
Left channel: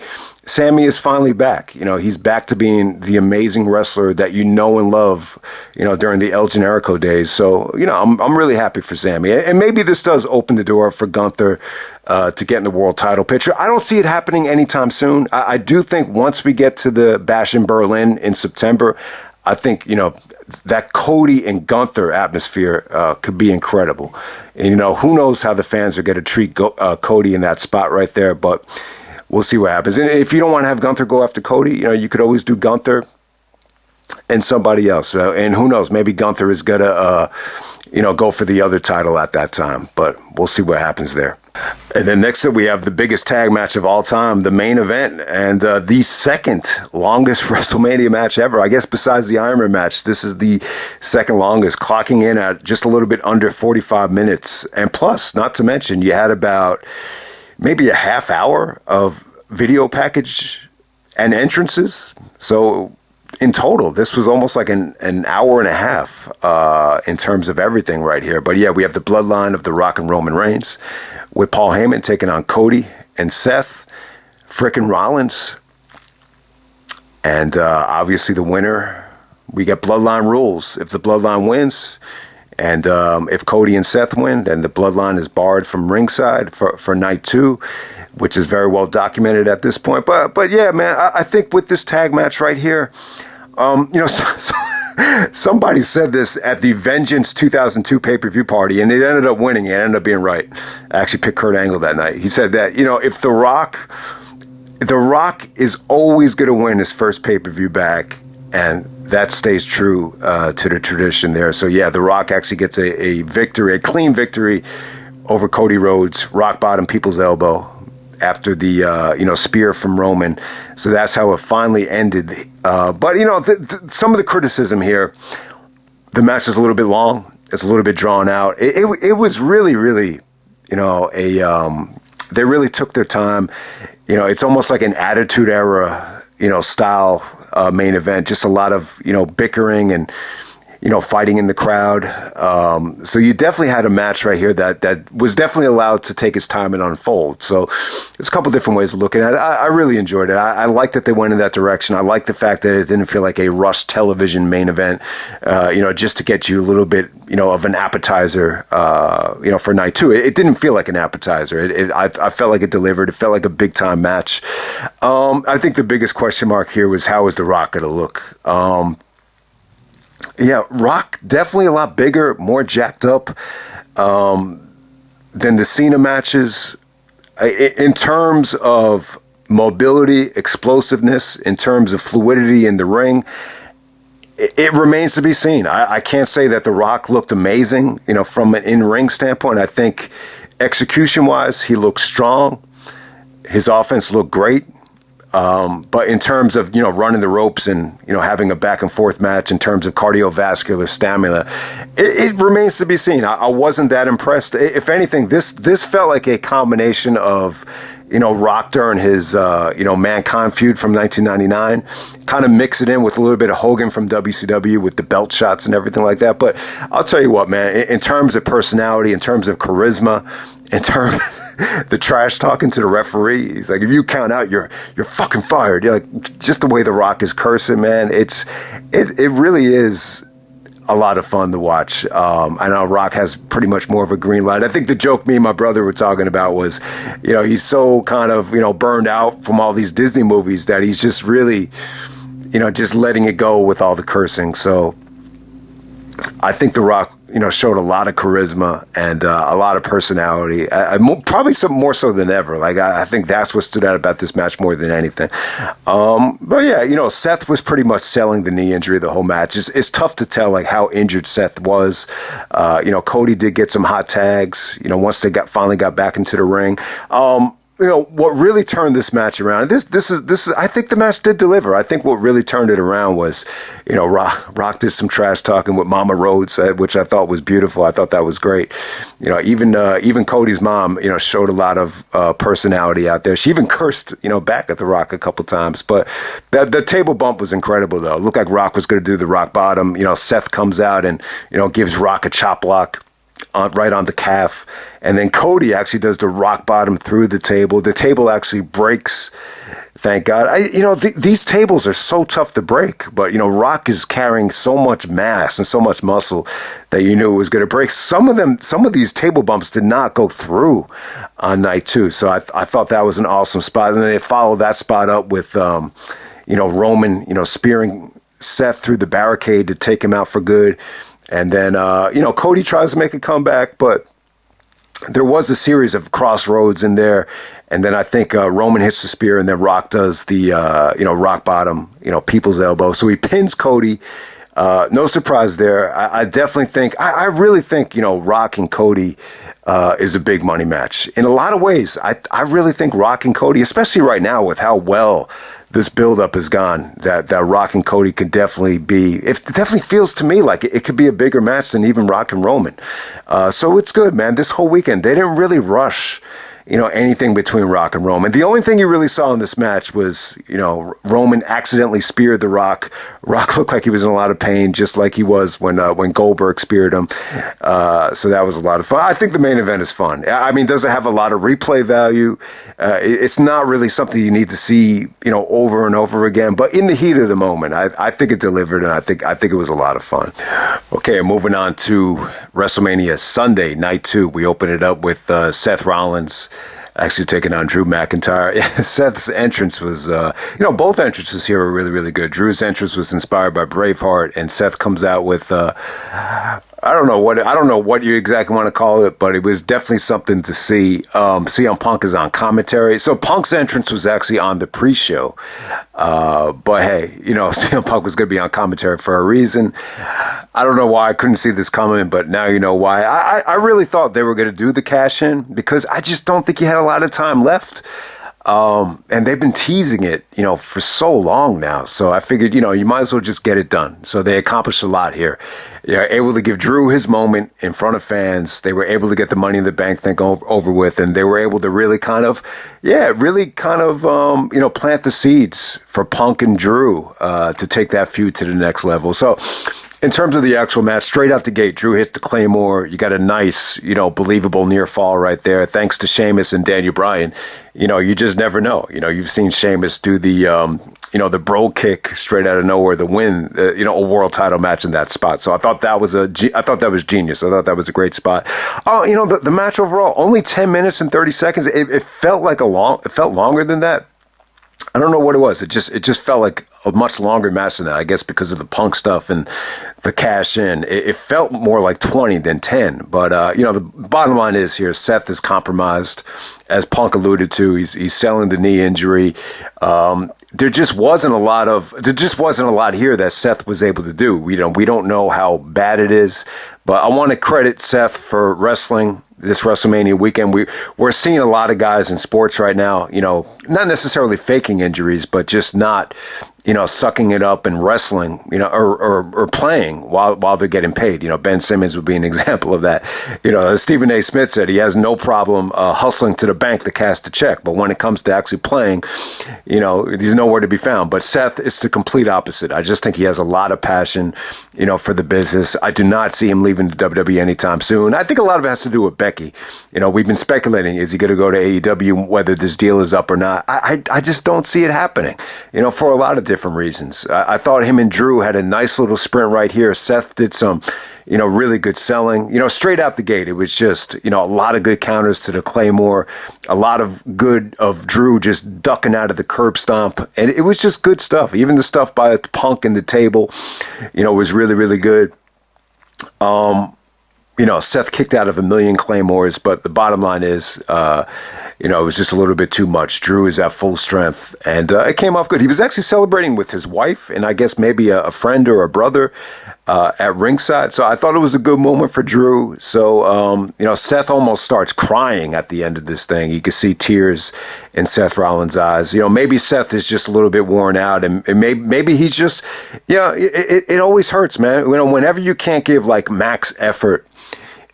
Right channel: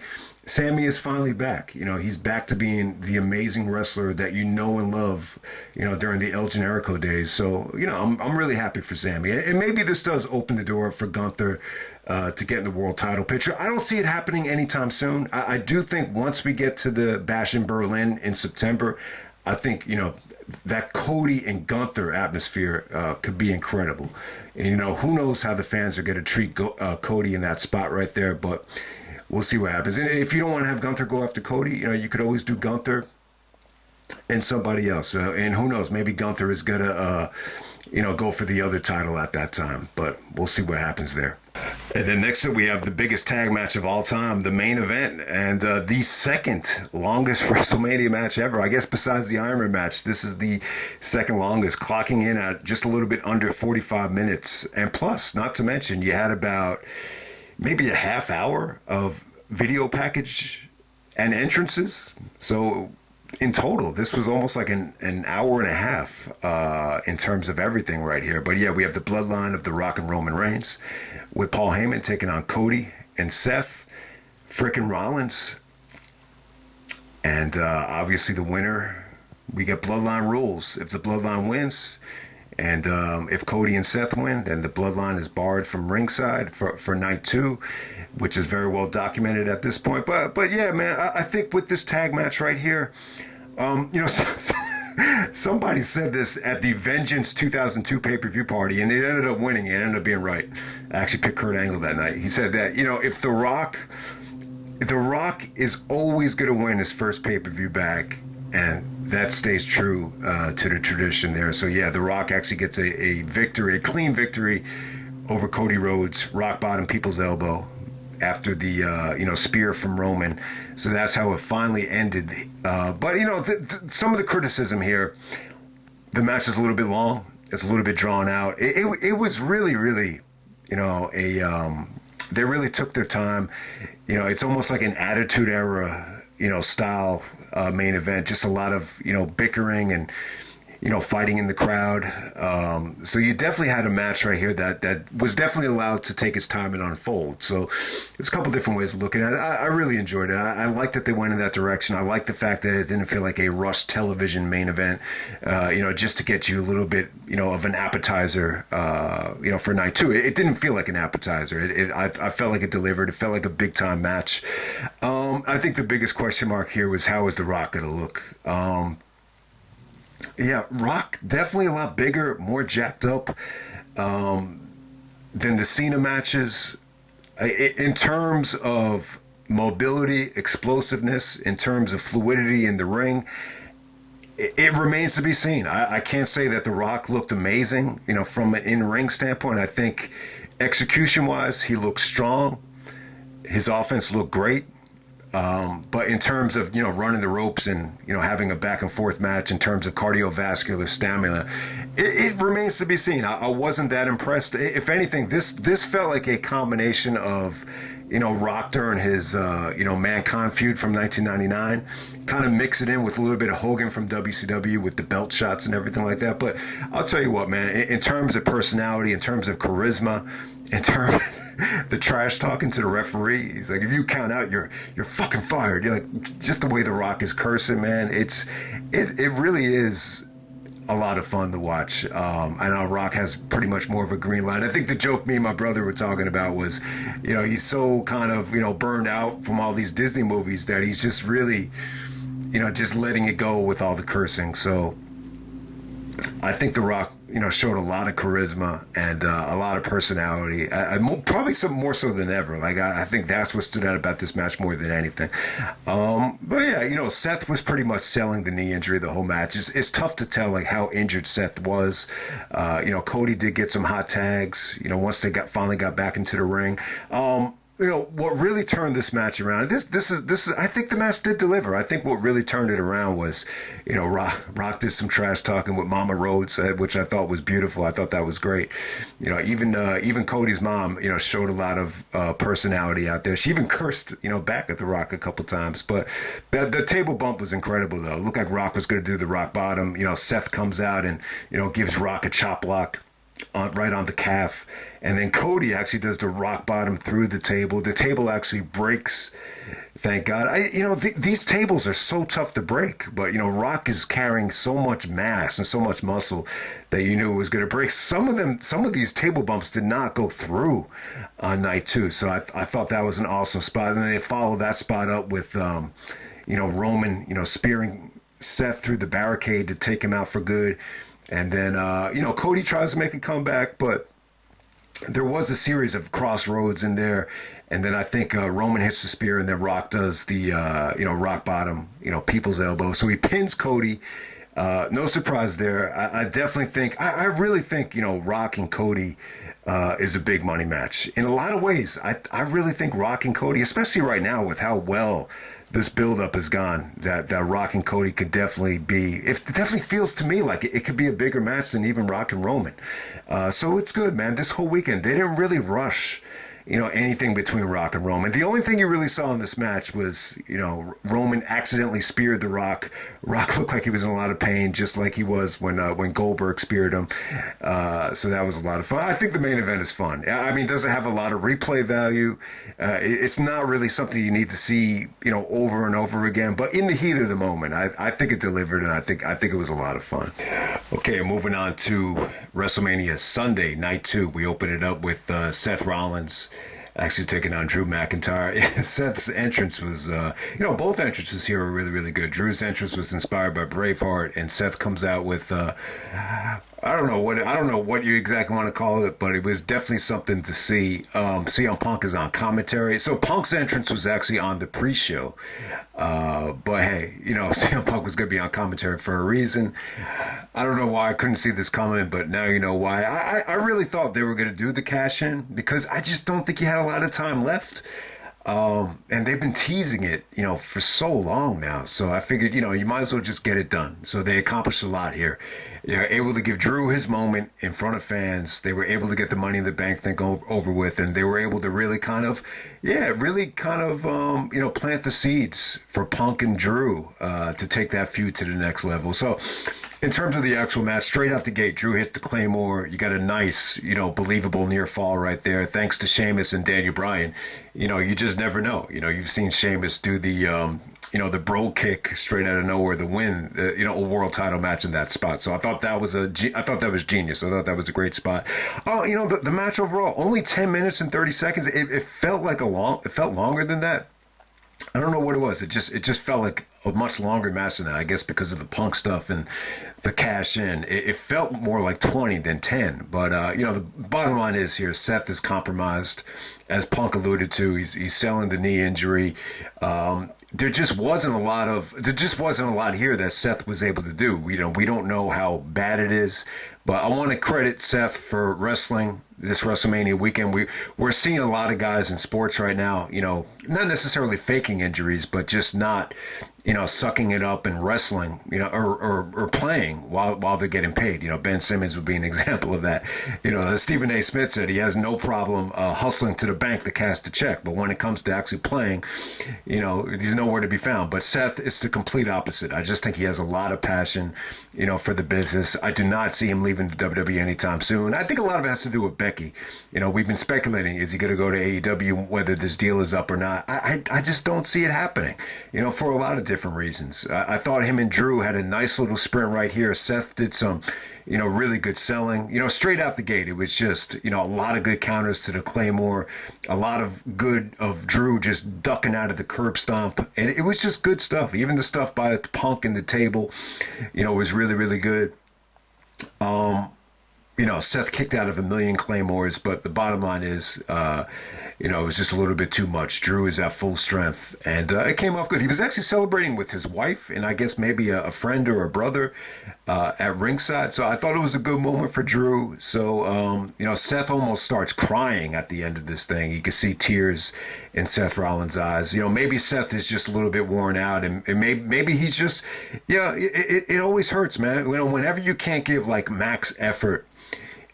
is finally back. He's back to being the amazing wrestler that and love, during the El Generico days. So, I'm really happy for Sami. And maybe this does open the door for Gunther to get in the world title picture. I don't see it happening anytime soon. I do think once we get to the Bash in Berlin in September, I think, that Cody and Gunther atmosphere could be incredible. And, who knows how the fans are going to treat Cody in that spot right there, but we'll see what happens. And if you don't want to have Gunther go after Cody, you could always do Gunther and somebody else. And who knows, maybe Gunther is going to, go for the other title at that time, but we'll see what happens there. And then next up, we have the biggest tag match of all time, the main event, and the second longest WrestleMania match ever. I guess besides the Iron Man match, this is the second longest, clocking in at just a little bit under 45 minutes. And plus, not to mention, you had about maybe a half hour of video package and entrances. So in total, this was almost like an hour and a half in terms of everything right here. But yeah, we have the bloodline of The Rock and Roman Reigns, with Paul Heyman taking on Cody and Seth, frickin' Rollins. And obviously the winner, we get bloodline rules. If the bloodline wins, and if Cody and Seth win, then the bloodline is barred from ringside for night 2, which is very well documented at this point. But yeah, man, I think with this tag match right here, somebody said this at the Vengeance 2002 pay-per-view party, and it ended up winning. It ended up being right. I actually picked Kurt Angle that night. He said that, if The Rock is always going to win his first pay-per-view back, and that stays true to the tradition there. So yeah, The Rock actually gets a victory, a clean victory over Cody Rhodes, rock bottom, people's elbow, after the spear from Roman. So that's how it finally ended. But some of the criticism here, the match is a little bit long. It's a little bit drawn out. It was really, really, they really took their time. It's almost like an Attitude Era, style main event. Just a lot of bickering and fighting in the crowd. So you definitely had a match right here that was definitely allowed to take its time and unfold. So there's a couple different ways of looking at it. I really enjoyed it. I like that they went in that direction. I like the fact that it didn't feel like a rushed television main event, just to get you a little bit, of an appetizer, for night two. It didn't feel like an appetizer. I felt like it delivered. It felt like a big time match. I think the biggest question mark here was, how is The Rock going to look? Yeah, Rock definitely a lot bigger, more jacked up than the Cena matches. In terms of mobility, explosiveness, in terms of fluidity in the ring, it remains to be seen. I can't say that The Rock looked amazing, from an in-ring standpoint. I think execution-wise, he looked strong. His offense looked great. But in terms of, running the ropes and, having a back and forth match in terms of cardiovascular stamina, it remains to be seen. I wasn't that impressed. If anything, this felt like a combination of, Rock during his, Mankind feud from 1999, kind of mix it in with a little bit of Hogan from WCW with the belt shots and everything like that. But I'll tell you what, man, in terms of personality, in terms of charisma, in terms the trash talking to the referee, he's like, if you count out, you're fucking fired. You're like, just the way The Rock is cursing, man. It really is a lot of fun to watch. I know Rock has pretty much more of a green light. I think the joke me and my brother were talking about was, he's so kind of, burned out from all these Disney movies that he's just really, just letting it go with all the cursing. So I think The Rock, showed a lot of charisma and a lot of personality. Probably some more so than ever. Like I think that's what stood out about this match more than anything. But yeah, Seth was pretty much selling the knee injury the whole match. It's tough to tell like how injured Seth was. Cody did get some hot tags. Once they finally got back into the ring. What really turned this match around, this is I think the match did deliver. I think what really turned it around was, Rock did some trash talking with Mama Rhodes, which I thought was beautiful. I thought that was great. Even Cody's mom, showed a lot of personality out there. She even cursed, back at The Rock a couple times. But the table bump was incredible, though. It looked like Rock was going to do the rock bottom. Seth comes out and, gives Rock a chop block right on the calf. And then Cody actually does the rock bottom through the table. The table actually breaks, thank God. These tables are so tough to break, but, Rock is carrying so much mass and so much muscle that you knew it was going to break. Some of these table bumps did not go through on night two. So I thought that was an awesome spot. And then they followed that spot up with, Roman, spearing Seth through the barricade to take him out for good. And then, Cody tries to make a comeback, but there was a series of crossroads in there. And then I think Roman hits the spear, and then Rock does the, rock bottom, people's elbow. So he pins Cody. No surprise there. I definitely think, I really think, Rock and Cody is a big money match. In a lot of ways, I really think Rock and Cody, especially right now with how well this buildup has gone, that Rock and Cody could definitely be, it definitely feels to me like it could be a bigger match than even Rock and Roman. So it's good, man. This whole weekend, they didn't really rush, anything between Rock and Roman. The only thing you really saw in this match was, Roman accidentally speared the Rock. Rock looked like he was in a lot of pain, just like he was when Goldberg speared him. So that was a lot of fun. I think the main event is fun. I mean, does it have a lot of replay value? It's not really something you need to see, over and over again. But in the heat of the moment, I think it delivered, and I think it was a lot of fun. Okay, moving on to WrestleMania Sunday, night 2. We open it up with Seth Rollins actually taking on Drew McIntyre. Seth's entrance was, both entrances here were really, really good. Drew's entrance was inspired by Braveheart, and Seth comes out with, I don't know what you exactly want to call it, but it was definitely something to see. CM Punk is on commentary. So Punk's entrance was actually on the pre-show. But hey, CM Punk was going to be on commentary for a reason. I don't know why I couldn't see this coming, but now you know why. I really thought they were going to do the cash-in because I just don't think he had a lot of time left. And they've been teasing it, for so long now. So I figured, you might as well just get it done. So they accomplished a lot here. They're able to give Drew his moment in front of fans. They were able to get the Money in the Bank thing over with, and they were able to really kind of, plant the seeds for Punk and Drew to take that feud to the next level. So In terms of the actual match, straight out the gate, Drew hits the Claymore. You got a nice, believable near fall right there. Thanks to Sheamus and Daniel Bryan. You just never know. You've seen Sheamus do the bro kick straight out of nowhere to win, a world title match in that spot. So I thought that was genius. I thought that was a great spot. Oh, the match overall, only 10 minutes and 30 seconds. It felt it felt longer than that. I don't know what it was. It just felt like a much longer match than that, I guess, because of the Punk stuff and the cash in. It felt more like 20 than 10. But, the bottom line is here, Seth is compromised. As Punk alluded to, he's selling the knee injury. There just wasn't a lot here that Seth was able to do. We don't know how bad it is, but I want to credit Seth for wrestling this WrestleMania weekend. We're seeing a lot of guys in sports right now, not necessarily faking injuries, but just not, sucking it up and wrestling, or playing while they're getting paid. Ben Simmons would be an example of that. Stephen A. Smith said he has no problem hustling to the bank to cash the check, but when it comes to actually playing, he's nowhere to be found. But Seth is the complete opposite. I just think he has a lot of passion, for the business. I do not see him leaving the WWE anytime soon. I think a lot of it has to do with Becky. We've been speculating, is he going to go to AEW, whether this deal is up or not? I just don't see it happening, for a lot of different reasons. I thought him and Drew had a nice little sprint right here. Seth did some, really good selling. Straight out the gate, it was just, a lot of good counters to the Claymore, a lot of good of Drew just ducking out of the curb stomp. And it was just good stuff. Even the stuff by Punk in the table, was really, really good. Seth kicked out of a million Claymores, but the bottom line is, it was just a little bit too much. Drew is at full strength, and it came off good. He was actually celebrating with his wife and I guess maybe a friend or a brother at ringside. So I thought it was a good moment for Drew. So, Seth almost starts crying at the end of this thing. You can see tears in Seth Rollins' eyes. Maybe Seth is just a little bit worn out, and maybe he's just, it always hurts, man. Whenever you can't give like max effort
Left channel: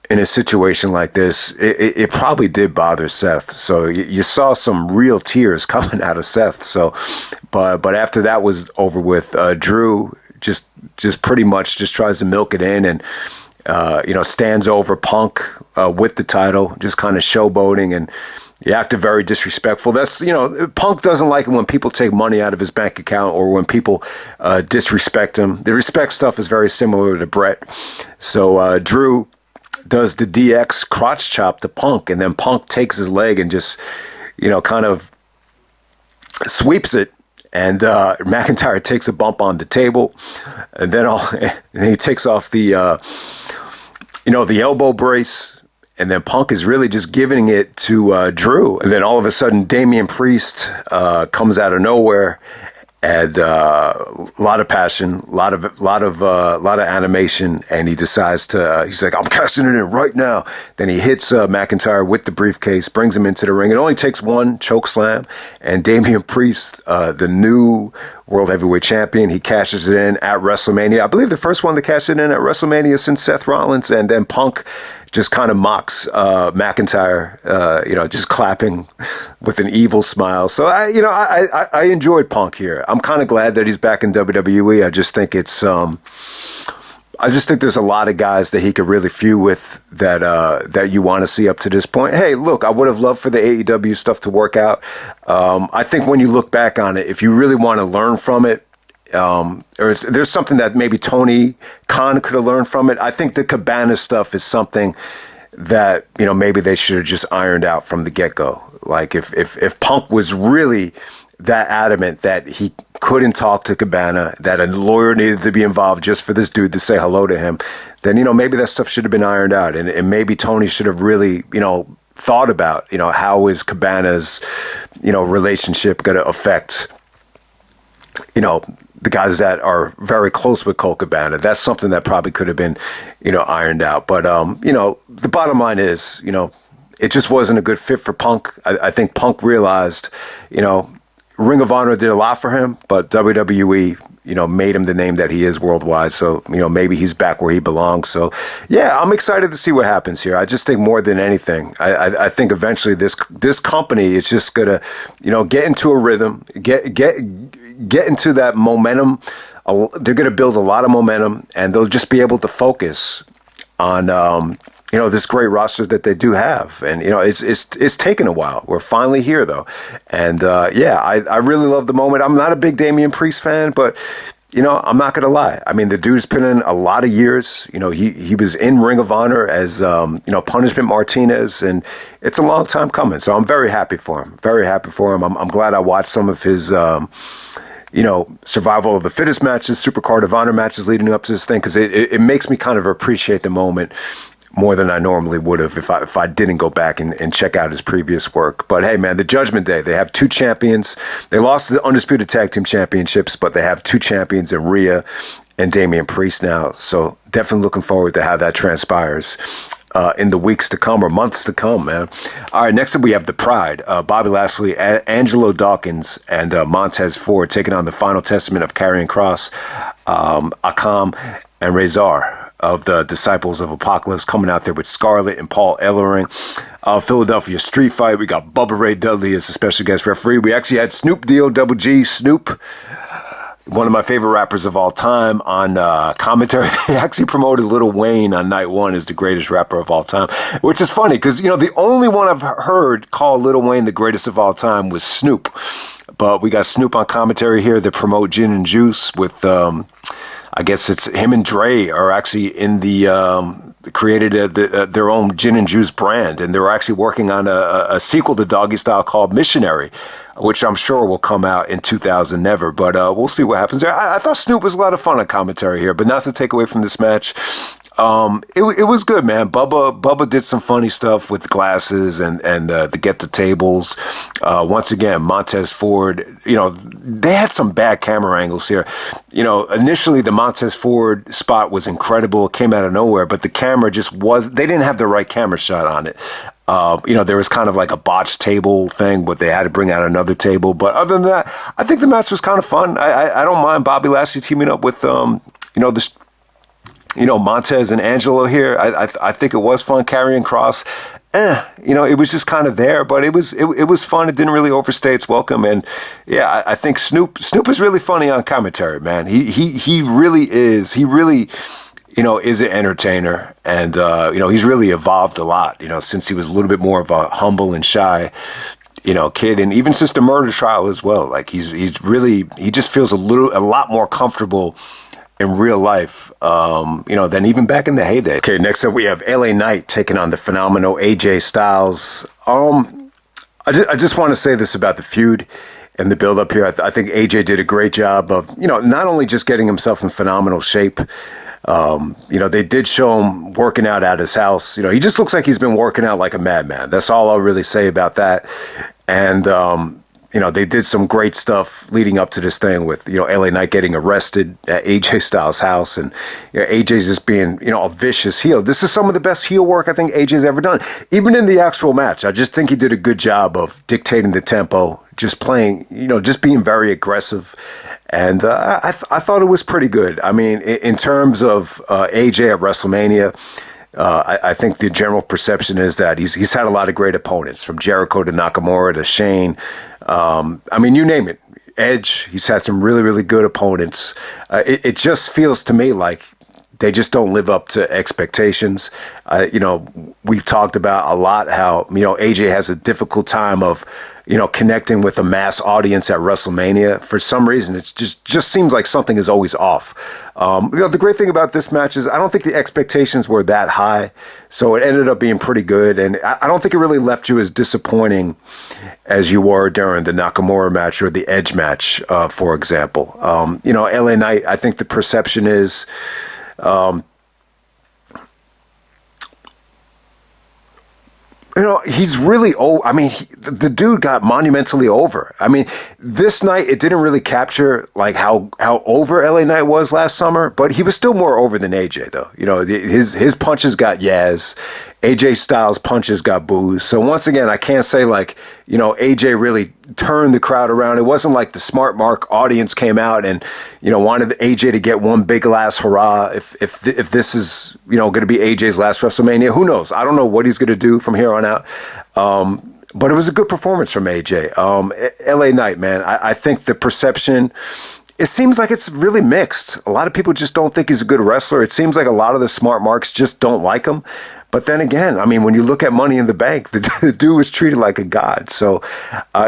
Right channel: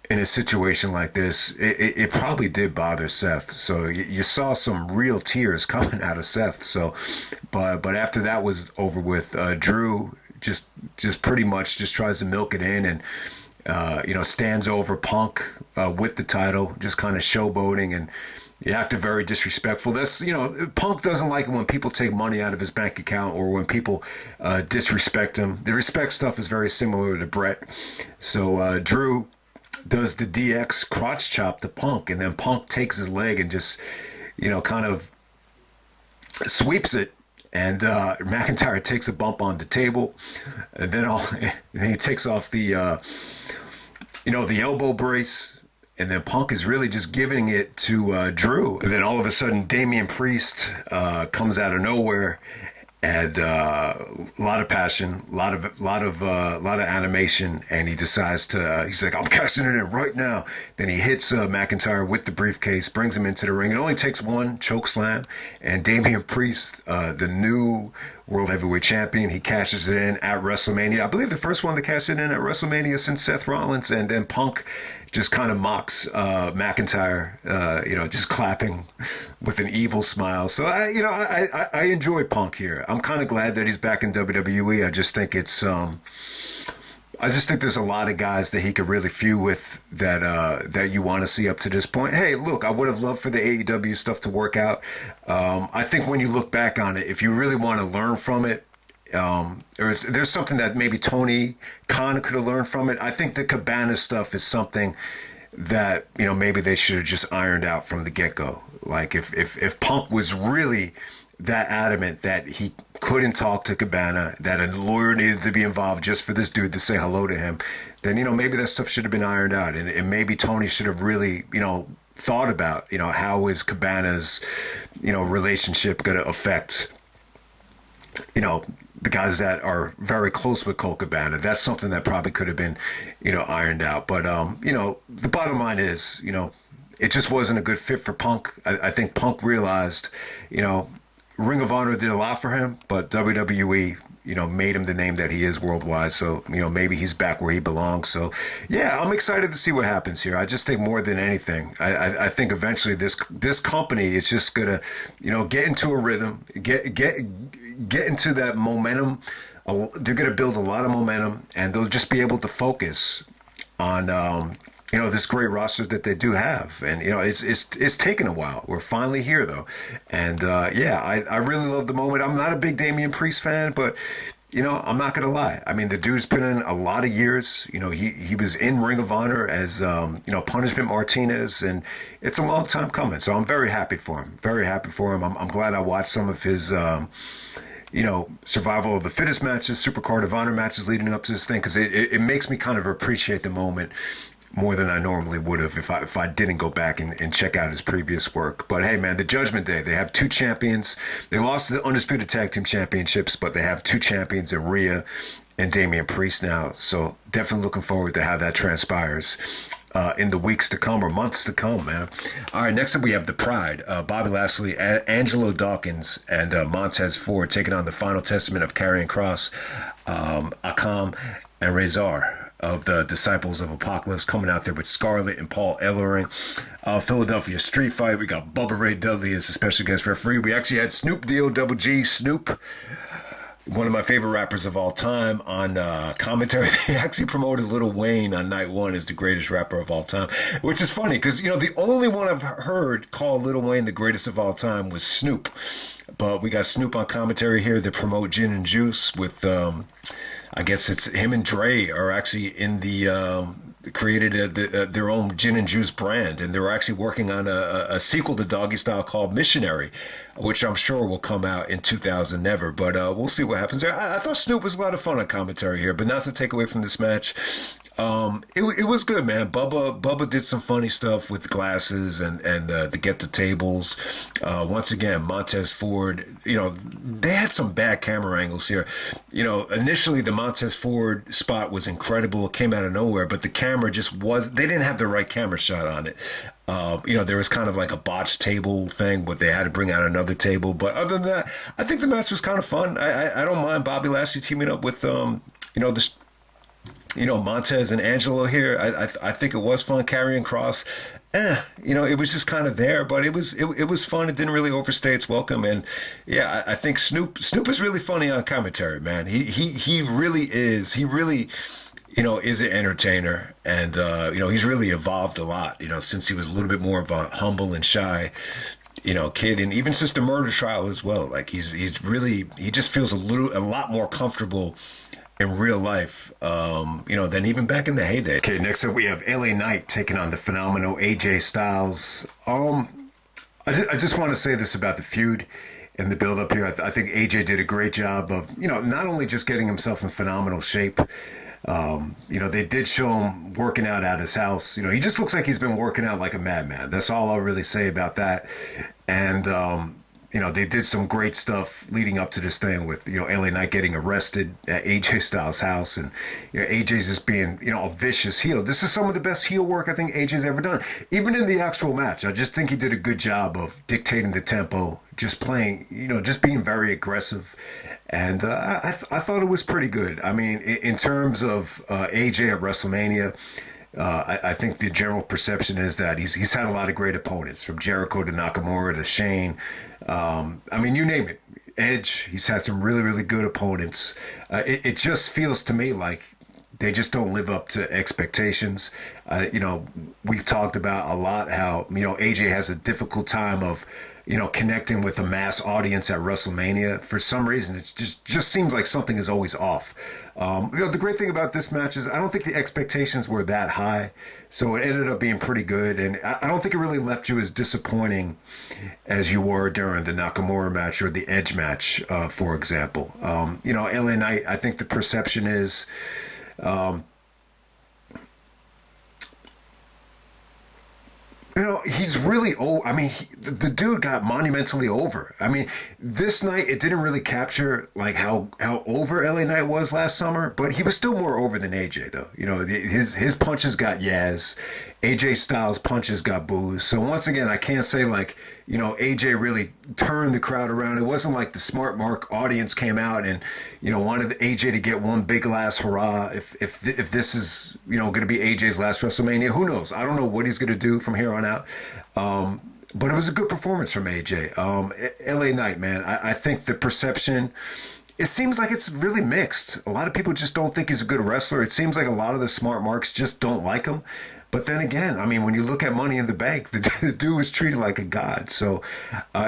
in a situation like this, it probably did bother Seth. So you saw some real tears coming out of Seth. So, but after that was over with, Drew just pretty much just tries to milk it in and, stands over Punk with the title, just kind of showboating, and he acted very disrespectful. That's, Punk doesn't like it when people take money out of his bank account or when people disrespect him. The respect stuff is very similar to Brett. So Drew does the DX crotch chop to Punk, and then Punk takes his leg and just, kind of sweeps it, and McIntyre takes a bump on the table, and then he takes off the, the elbow brace, and then Punk is really just giving it to Drew, and then all of a sudden Damian Priest comes out of nowhere. And a lot of passion, a lot of animation, and he decides to. He's like, "I'm casting it in right now." Then he hits McIntyre with the briefcase, brings him into the ring. It only takes one choke slam, and Damian Priest, the new World Heavyweight Champion, he cashes it in at WrestleMania. I believe the first one to cash it in at WrestleMania since Seth Rollins, and then Punk just kind of mocks McIntyre, just clapping with an evil smile. So I enjoyed Punk here. I'm kind of glad that he's back in WWE. I just think it's I just think there's a lot of guys that he could really feud with that you want to see up to this point. Hey, look, I would have loved for the AEW stuff to work out. I think when you look back on it, if you really want to learn from it, or there's something that maybe Tony Khan could have learned from it. I think the Cabana stuff is something that, maybe they should have just ironed out from the get-go. Like if Punk was really that adamant that he couldn't talk to Cabana, that a lawyer needed to be involved just for this dude to say hello to him, then, maybe that stuff should have been ironed out. And maybe Tony should have really, thought about, how is Cabana's, relationship going to affect, the guys that are very close with Colt Cabana. That's something that probably could have been, ironed out. But, the bottom line is, it just wasn't a good fit for Punk. I think Punk realized, Ring of Honor did a lot for him, but WWE, made him the name that he is worldwide. So, maybe he's back where he belongs. So, yeah, I'm excited to see what happens here. I just think more than anything, I think eventually this company is just gonna, get into a rhythm, get into that momentum they're going to build a lot of momentum, and they'll just be able to focus on this great roster that they do have. And it's taken a while. We're finally here though, and I really love the moment. I'm not a big Damian Priest fan, but I'm not gonna lie. I mean, the dude's been in a lot of years. He was in Ring of Honor as Punishment Martinez, and it's a long time coming. So I'm very happy for him. Very happy for him. I'm glad I watched some of his survival of the fittest matches, Supercard of Honor matches leading up to this thing, because it makes me kind of appreciate the moment more than I normally would have if I didn't go back and check out his previous work. But hey, man, the Judgment Day, they have two champions. They lost the Undisputed Tag Team Championships, but they have two champions in Rhea and Damian Priest now. So definitely looking forward to how that transpires in the weeks to come or months to come, man. All right, next up we have the Pride. Bobby Lashley, Angelo Dawkins, and Montez Ford taking on the Final Testament of Karrion Kross, Akam, and Rezar of the Disciples of Apocalypse, coming out there with Scarlett and Paul Ellering. Philadelphia Street Fight. We got Bubba Ray Dudley as a special guest referee. We actually had Snoop D-O-double-G, Snoop, one of my favorite rappers of all time, on commentary. They actually promoted Lil Wayne on night one as the greatest rapper of all time, which is funny because, the only one I've heard call Lil Wayne the greatest of all time was Snoop. But we got Snoop on commentary here to promote Gin and Juice with... I guess it's him and Dre are actually in created their own Gin and Juice brand, and they're actually working on a sequel to Doggy Style called Missionary, which I'm sure will come out in 2000 never, but we'll see what happens there. I thought Snoop was a lot of fun on commentary here, but not to take away from this match. It was good, man. Bubba did some funny stuff with the glasses and the get the tables. Once again, Montez Ford, they had some bad camera angles here. Initially the Montez Ford spot was incredible. It came out of nowhere, but the camera they didn't have the right camera shot on it. There was kind of like a botched table thing, but they had to bring out another table. But other than that, I think the match was kind of fun. I don't mind Bobby Lashley teaming up with, Montez and Angelo here. I think it was fun. Karrion Kross, it was just kind of there, but it was fun. It didn't really overstay its welcome. And yeah, I think Snoop is really funny on commentary, man. He really is. He really, is an entertainer, and he's really evolved a lot, since he was a little bit more of a humble and shy, kid, and even since the murder trial as well. Like he just feels a lot more comfortable in real life, than even back in the heyday. Okay, next up we have LA Knight taking on the phenomenal AJ Styles. I just want to say this about the feud and the build up here. I think AJ did a great job of, not only just getting himself in phenomenal shape. They did show him working out at his house. He just looks like he's been working out like a madman. That's all I'll really say about that. And, they did some great stuff leading up to this thing with, LA Knight getting arrested at AJ Styles' house, and AJ's just being, a vicious heel. This is some of the best heel work I think AJ's ever done. Even in the actual match, I just think he did a good job of dictating the tempo, just playing, just being very aggressive. And I thought it was pretty good. I mean, in terms of AJ at WrestleMania, I think the general perception is that he's had a lot of great opponents, from Jericho to Nakamura to Shane. You name it. Edge, he's had some really, really good opponents. It just feels to me like they just don't live up to expectations. We've talked about a lot how, AJ has a difficult time of, connecting with a mass audience at WrestleMania. For some reason, it just seems like something is always off. The great thing about this match is I don't think the expectations were that high, so it ended up being pretty good. And I don't think it really left you as disappointing as you were during the Nakamura match or the Edge match, for example. LA Knight, I think the perception is... he's really old. I mean, the dude got monumentally over. I mean, this night, it didn't really capture like how over LA Knight was last summer, but he was still more over than AJ, though. His punches got Yaz. AJ Styles' punches got boos. So once again, I can't say like, AJ really turned the crowd around. It wasn't like the Smart Mark audience came out and, wanted AJ to get one big last hurrah. If this is, going to be AJ's last WrestleMania, who knows? I don't know what he's going to do from here on out. But it was a good performance from AJ. LA Knight, man, I think the perception it seems like it's really mixed. A lot of people just don't think he's a good wrestler. It seems like a lot of the smart marks just don't like him. But then again, I mean, when you look at Money in the Bank, the dude was treated like a god. So,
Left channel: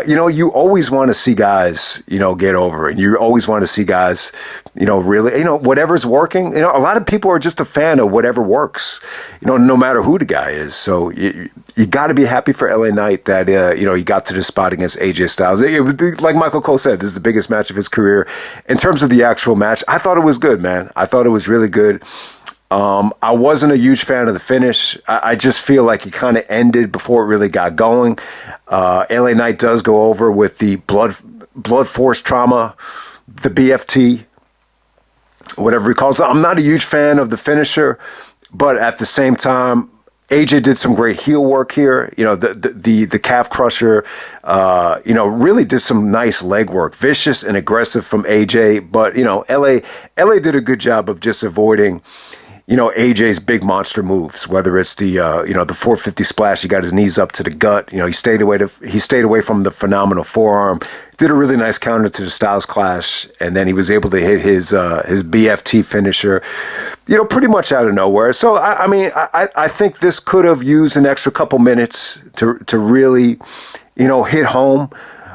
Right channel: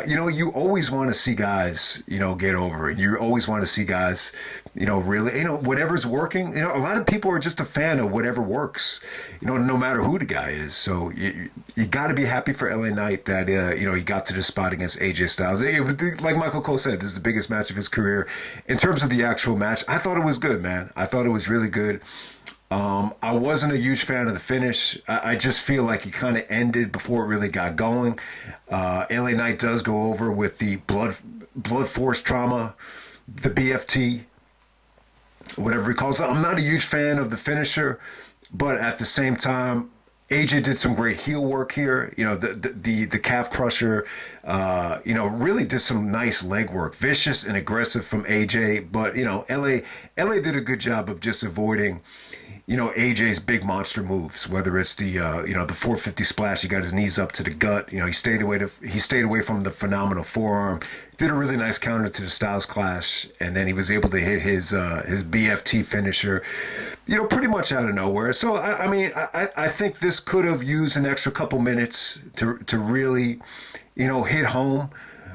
you always want to see guys, get over it. You always want to see guys, really, whatever's working. A lot of people are just a fan of whatever works, no matter who the guy is. So you got to be happy for LA Knight that, he got to the spot against AJ Styles. It was, like Michael Cole said, this is the biggest match of his career. In terms of the actual match, I thought it was good, man. I thought it was really good. I wasn't a huge fan of the finish. I just feel like it kind of ended before it really got going. LA Knight does go over with the blood force trauma, the BFT, whatever he calls it. I'm not a huge fan of the finisher, but at the same time, AJ did some great heel work here. The calf crusher, really did some nice leg work. Vicious and aggressive from AJ, but, LA did a good job of just avoiding AJ's big monster moves, whether it's the 450 splash, he got his knees up to the gut. He stayed away from the phenomenal forearm, did a really nice counter to the Styles Clash, and then he was able to hit his BFT finisher, pretty much out of nowhere. So, I think this could have used an extra couple minutes to really, hit home.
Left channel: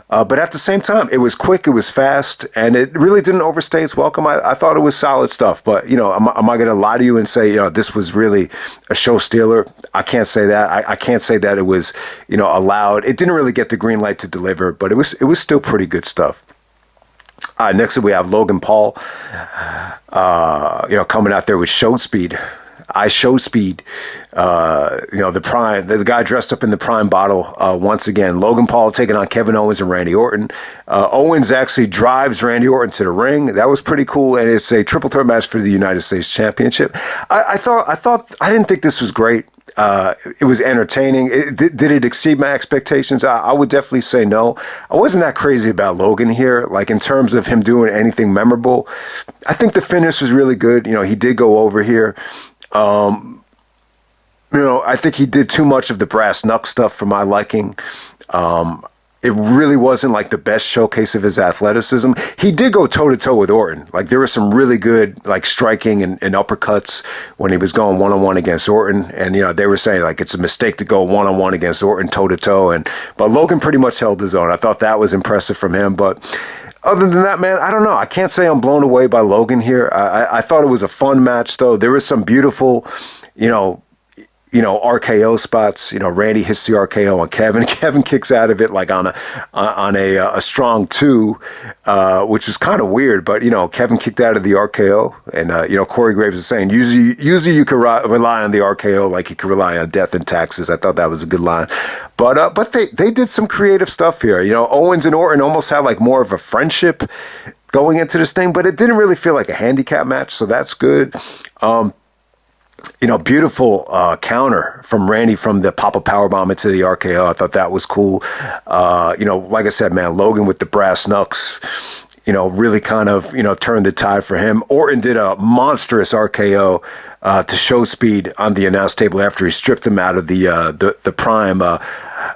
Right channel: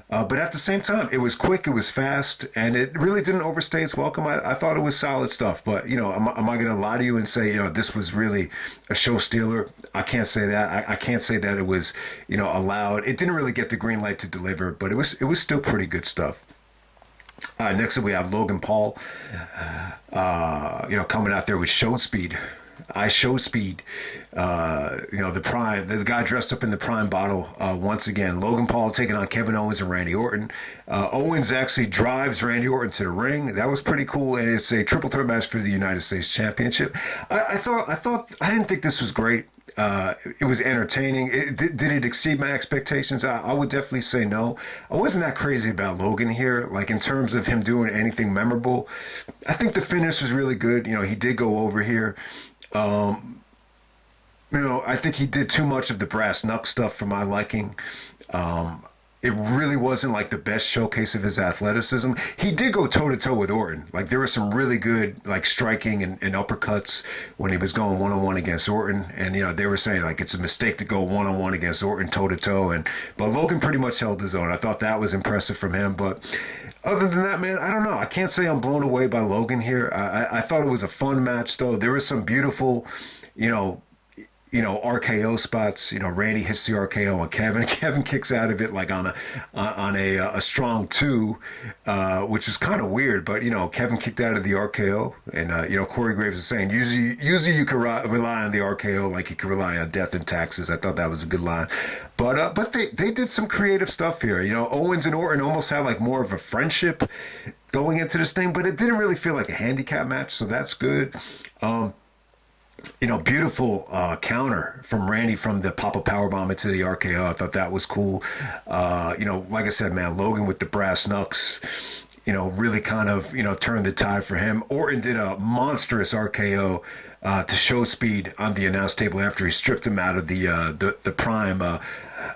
But at the same time, it was quick, it was fast, and it really didn't overstay its welcome. I thought it was solid stuff. But, am I going to lie to you and say, this was really a show stealer? I can't say that. I can't say that it was, allowed. It didn't really get the green light to deliver, but it was still pretty good stuff. Next up, we have Logan Paul, coming out there with show speed. Show speed. The Prime, the guy dressed up in the Prime bottle once again. Logan Paul taking on Kevin Owens and Randy Orton. Owens actually drives Randy Orton to the ring. That was pretty cool, and it's a triple threat match for the United States Championship. I didn't think this was great. It was entertaining. Did it exceed my expectations? I would definitely say no. I wasn't that crazy about Logan here, like in terms of him doing anything memorable. I think the finish was really good. He did go over here. I think he did too much of the brass knuck stuff for my liking. It really wasn't like the best showcase of his athleticism. He did go toe to toe with Orton. Like there was some really good like striking and uppercuts when he was going one-on-one against Orton. And, they were saying like it's a mistake to go one-on-one against Orton toe to toe. But Logan pretty much held his own. I thought that was impressive from him. But other than that, man, I don't know. I can't say I'm blown away by Logan here. I thought it was a fun match, though. There was some beautiful, RKO spots. Randy hits the RKO on Kevin. Kevin kicks out of it like on a strong two, which is kind of weird. But Kevin kicked out of the RKO, and Corey Graves is saying usually you can rely on the RKO like you can rely on death and taxes. I thought that was a good line. But they did some creative stuff here. Owens and Orton almost had like more of a friendship going into this thing, but it didn't really feel like a handicap match, so that's good. Beautiful counter from Randy from the Papa Powerbomb into the RKO. I thought that was cool. Like I said, man, Logan with the brass knucks, really kind of, turned the tide for him. Orton did a monstrous RKO to show speed on the announce table after he stripped him out of the Prime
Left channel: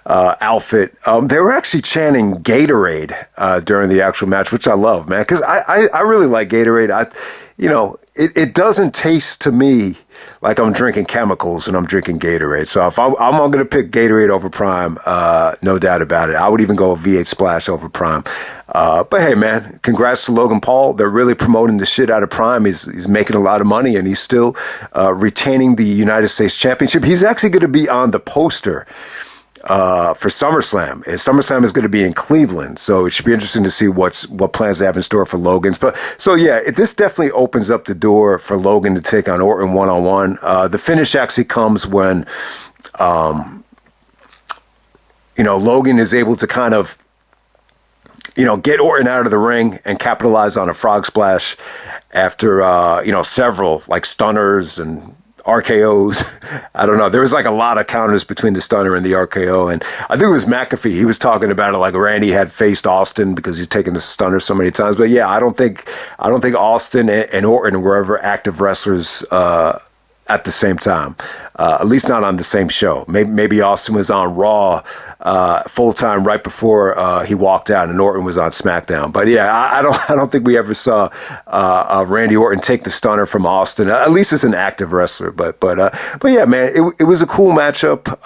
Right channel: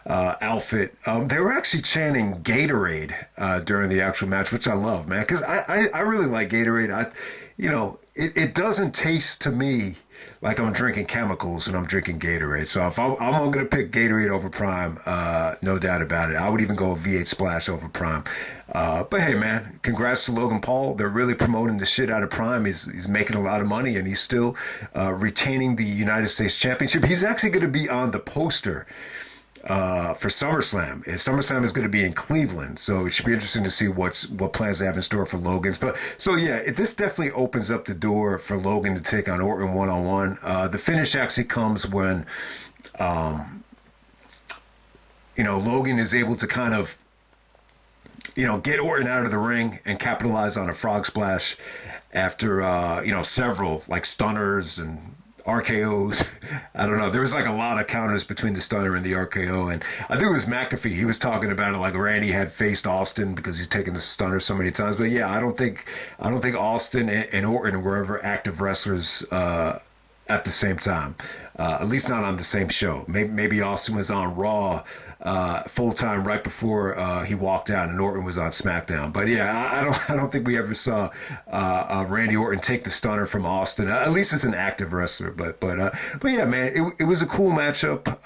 outfit. They were actually chanting Gatorade during the actual match, which I love, man, because I really like Gatorade. It doesn't taste to me like I'm drinking chemicals and I'm drinking Gatorade. So if I'm going to pick Gatorade over Prime, no doubt about it. I would even go a V8 Splash over Prime. But hey, man, congrats to Logan Paul. They're really promoting the shit out of Prime. He's making a lot of money, and he's still retaining the United States Championship. He's actually going to be on the poster for SummerSlam. SummerSlam is going to be in Cleveland, so it should be interesting to see what plans they have in store for Logan's. But so yeah, this definitely opens up the door for Logan to take on Orton one-on-one. The finish actually comes when Logan is able to kind of get Orton out of the ring and capitalize on a frog splash after several like stunners and RKOs. I don't know. There was like a lot of counters between the stunner and the RKO. And I think it was McAfee. He was talking about it like Randy had faced Austin because he's taken the stunner so many times. But yeah, I don't think Austin and Orton were ever active wrestlers at the same time, at least not on the same show. Maybe Austin was on Raw full time right before he walked out, and Orton was on SmackDown. But yeah, I don't think we ever saw Randy Orton take the stunner from Austin, at least as an active wrestler. But yeah, man, it was a cool matchup.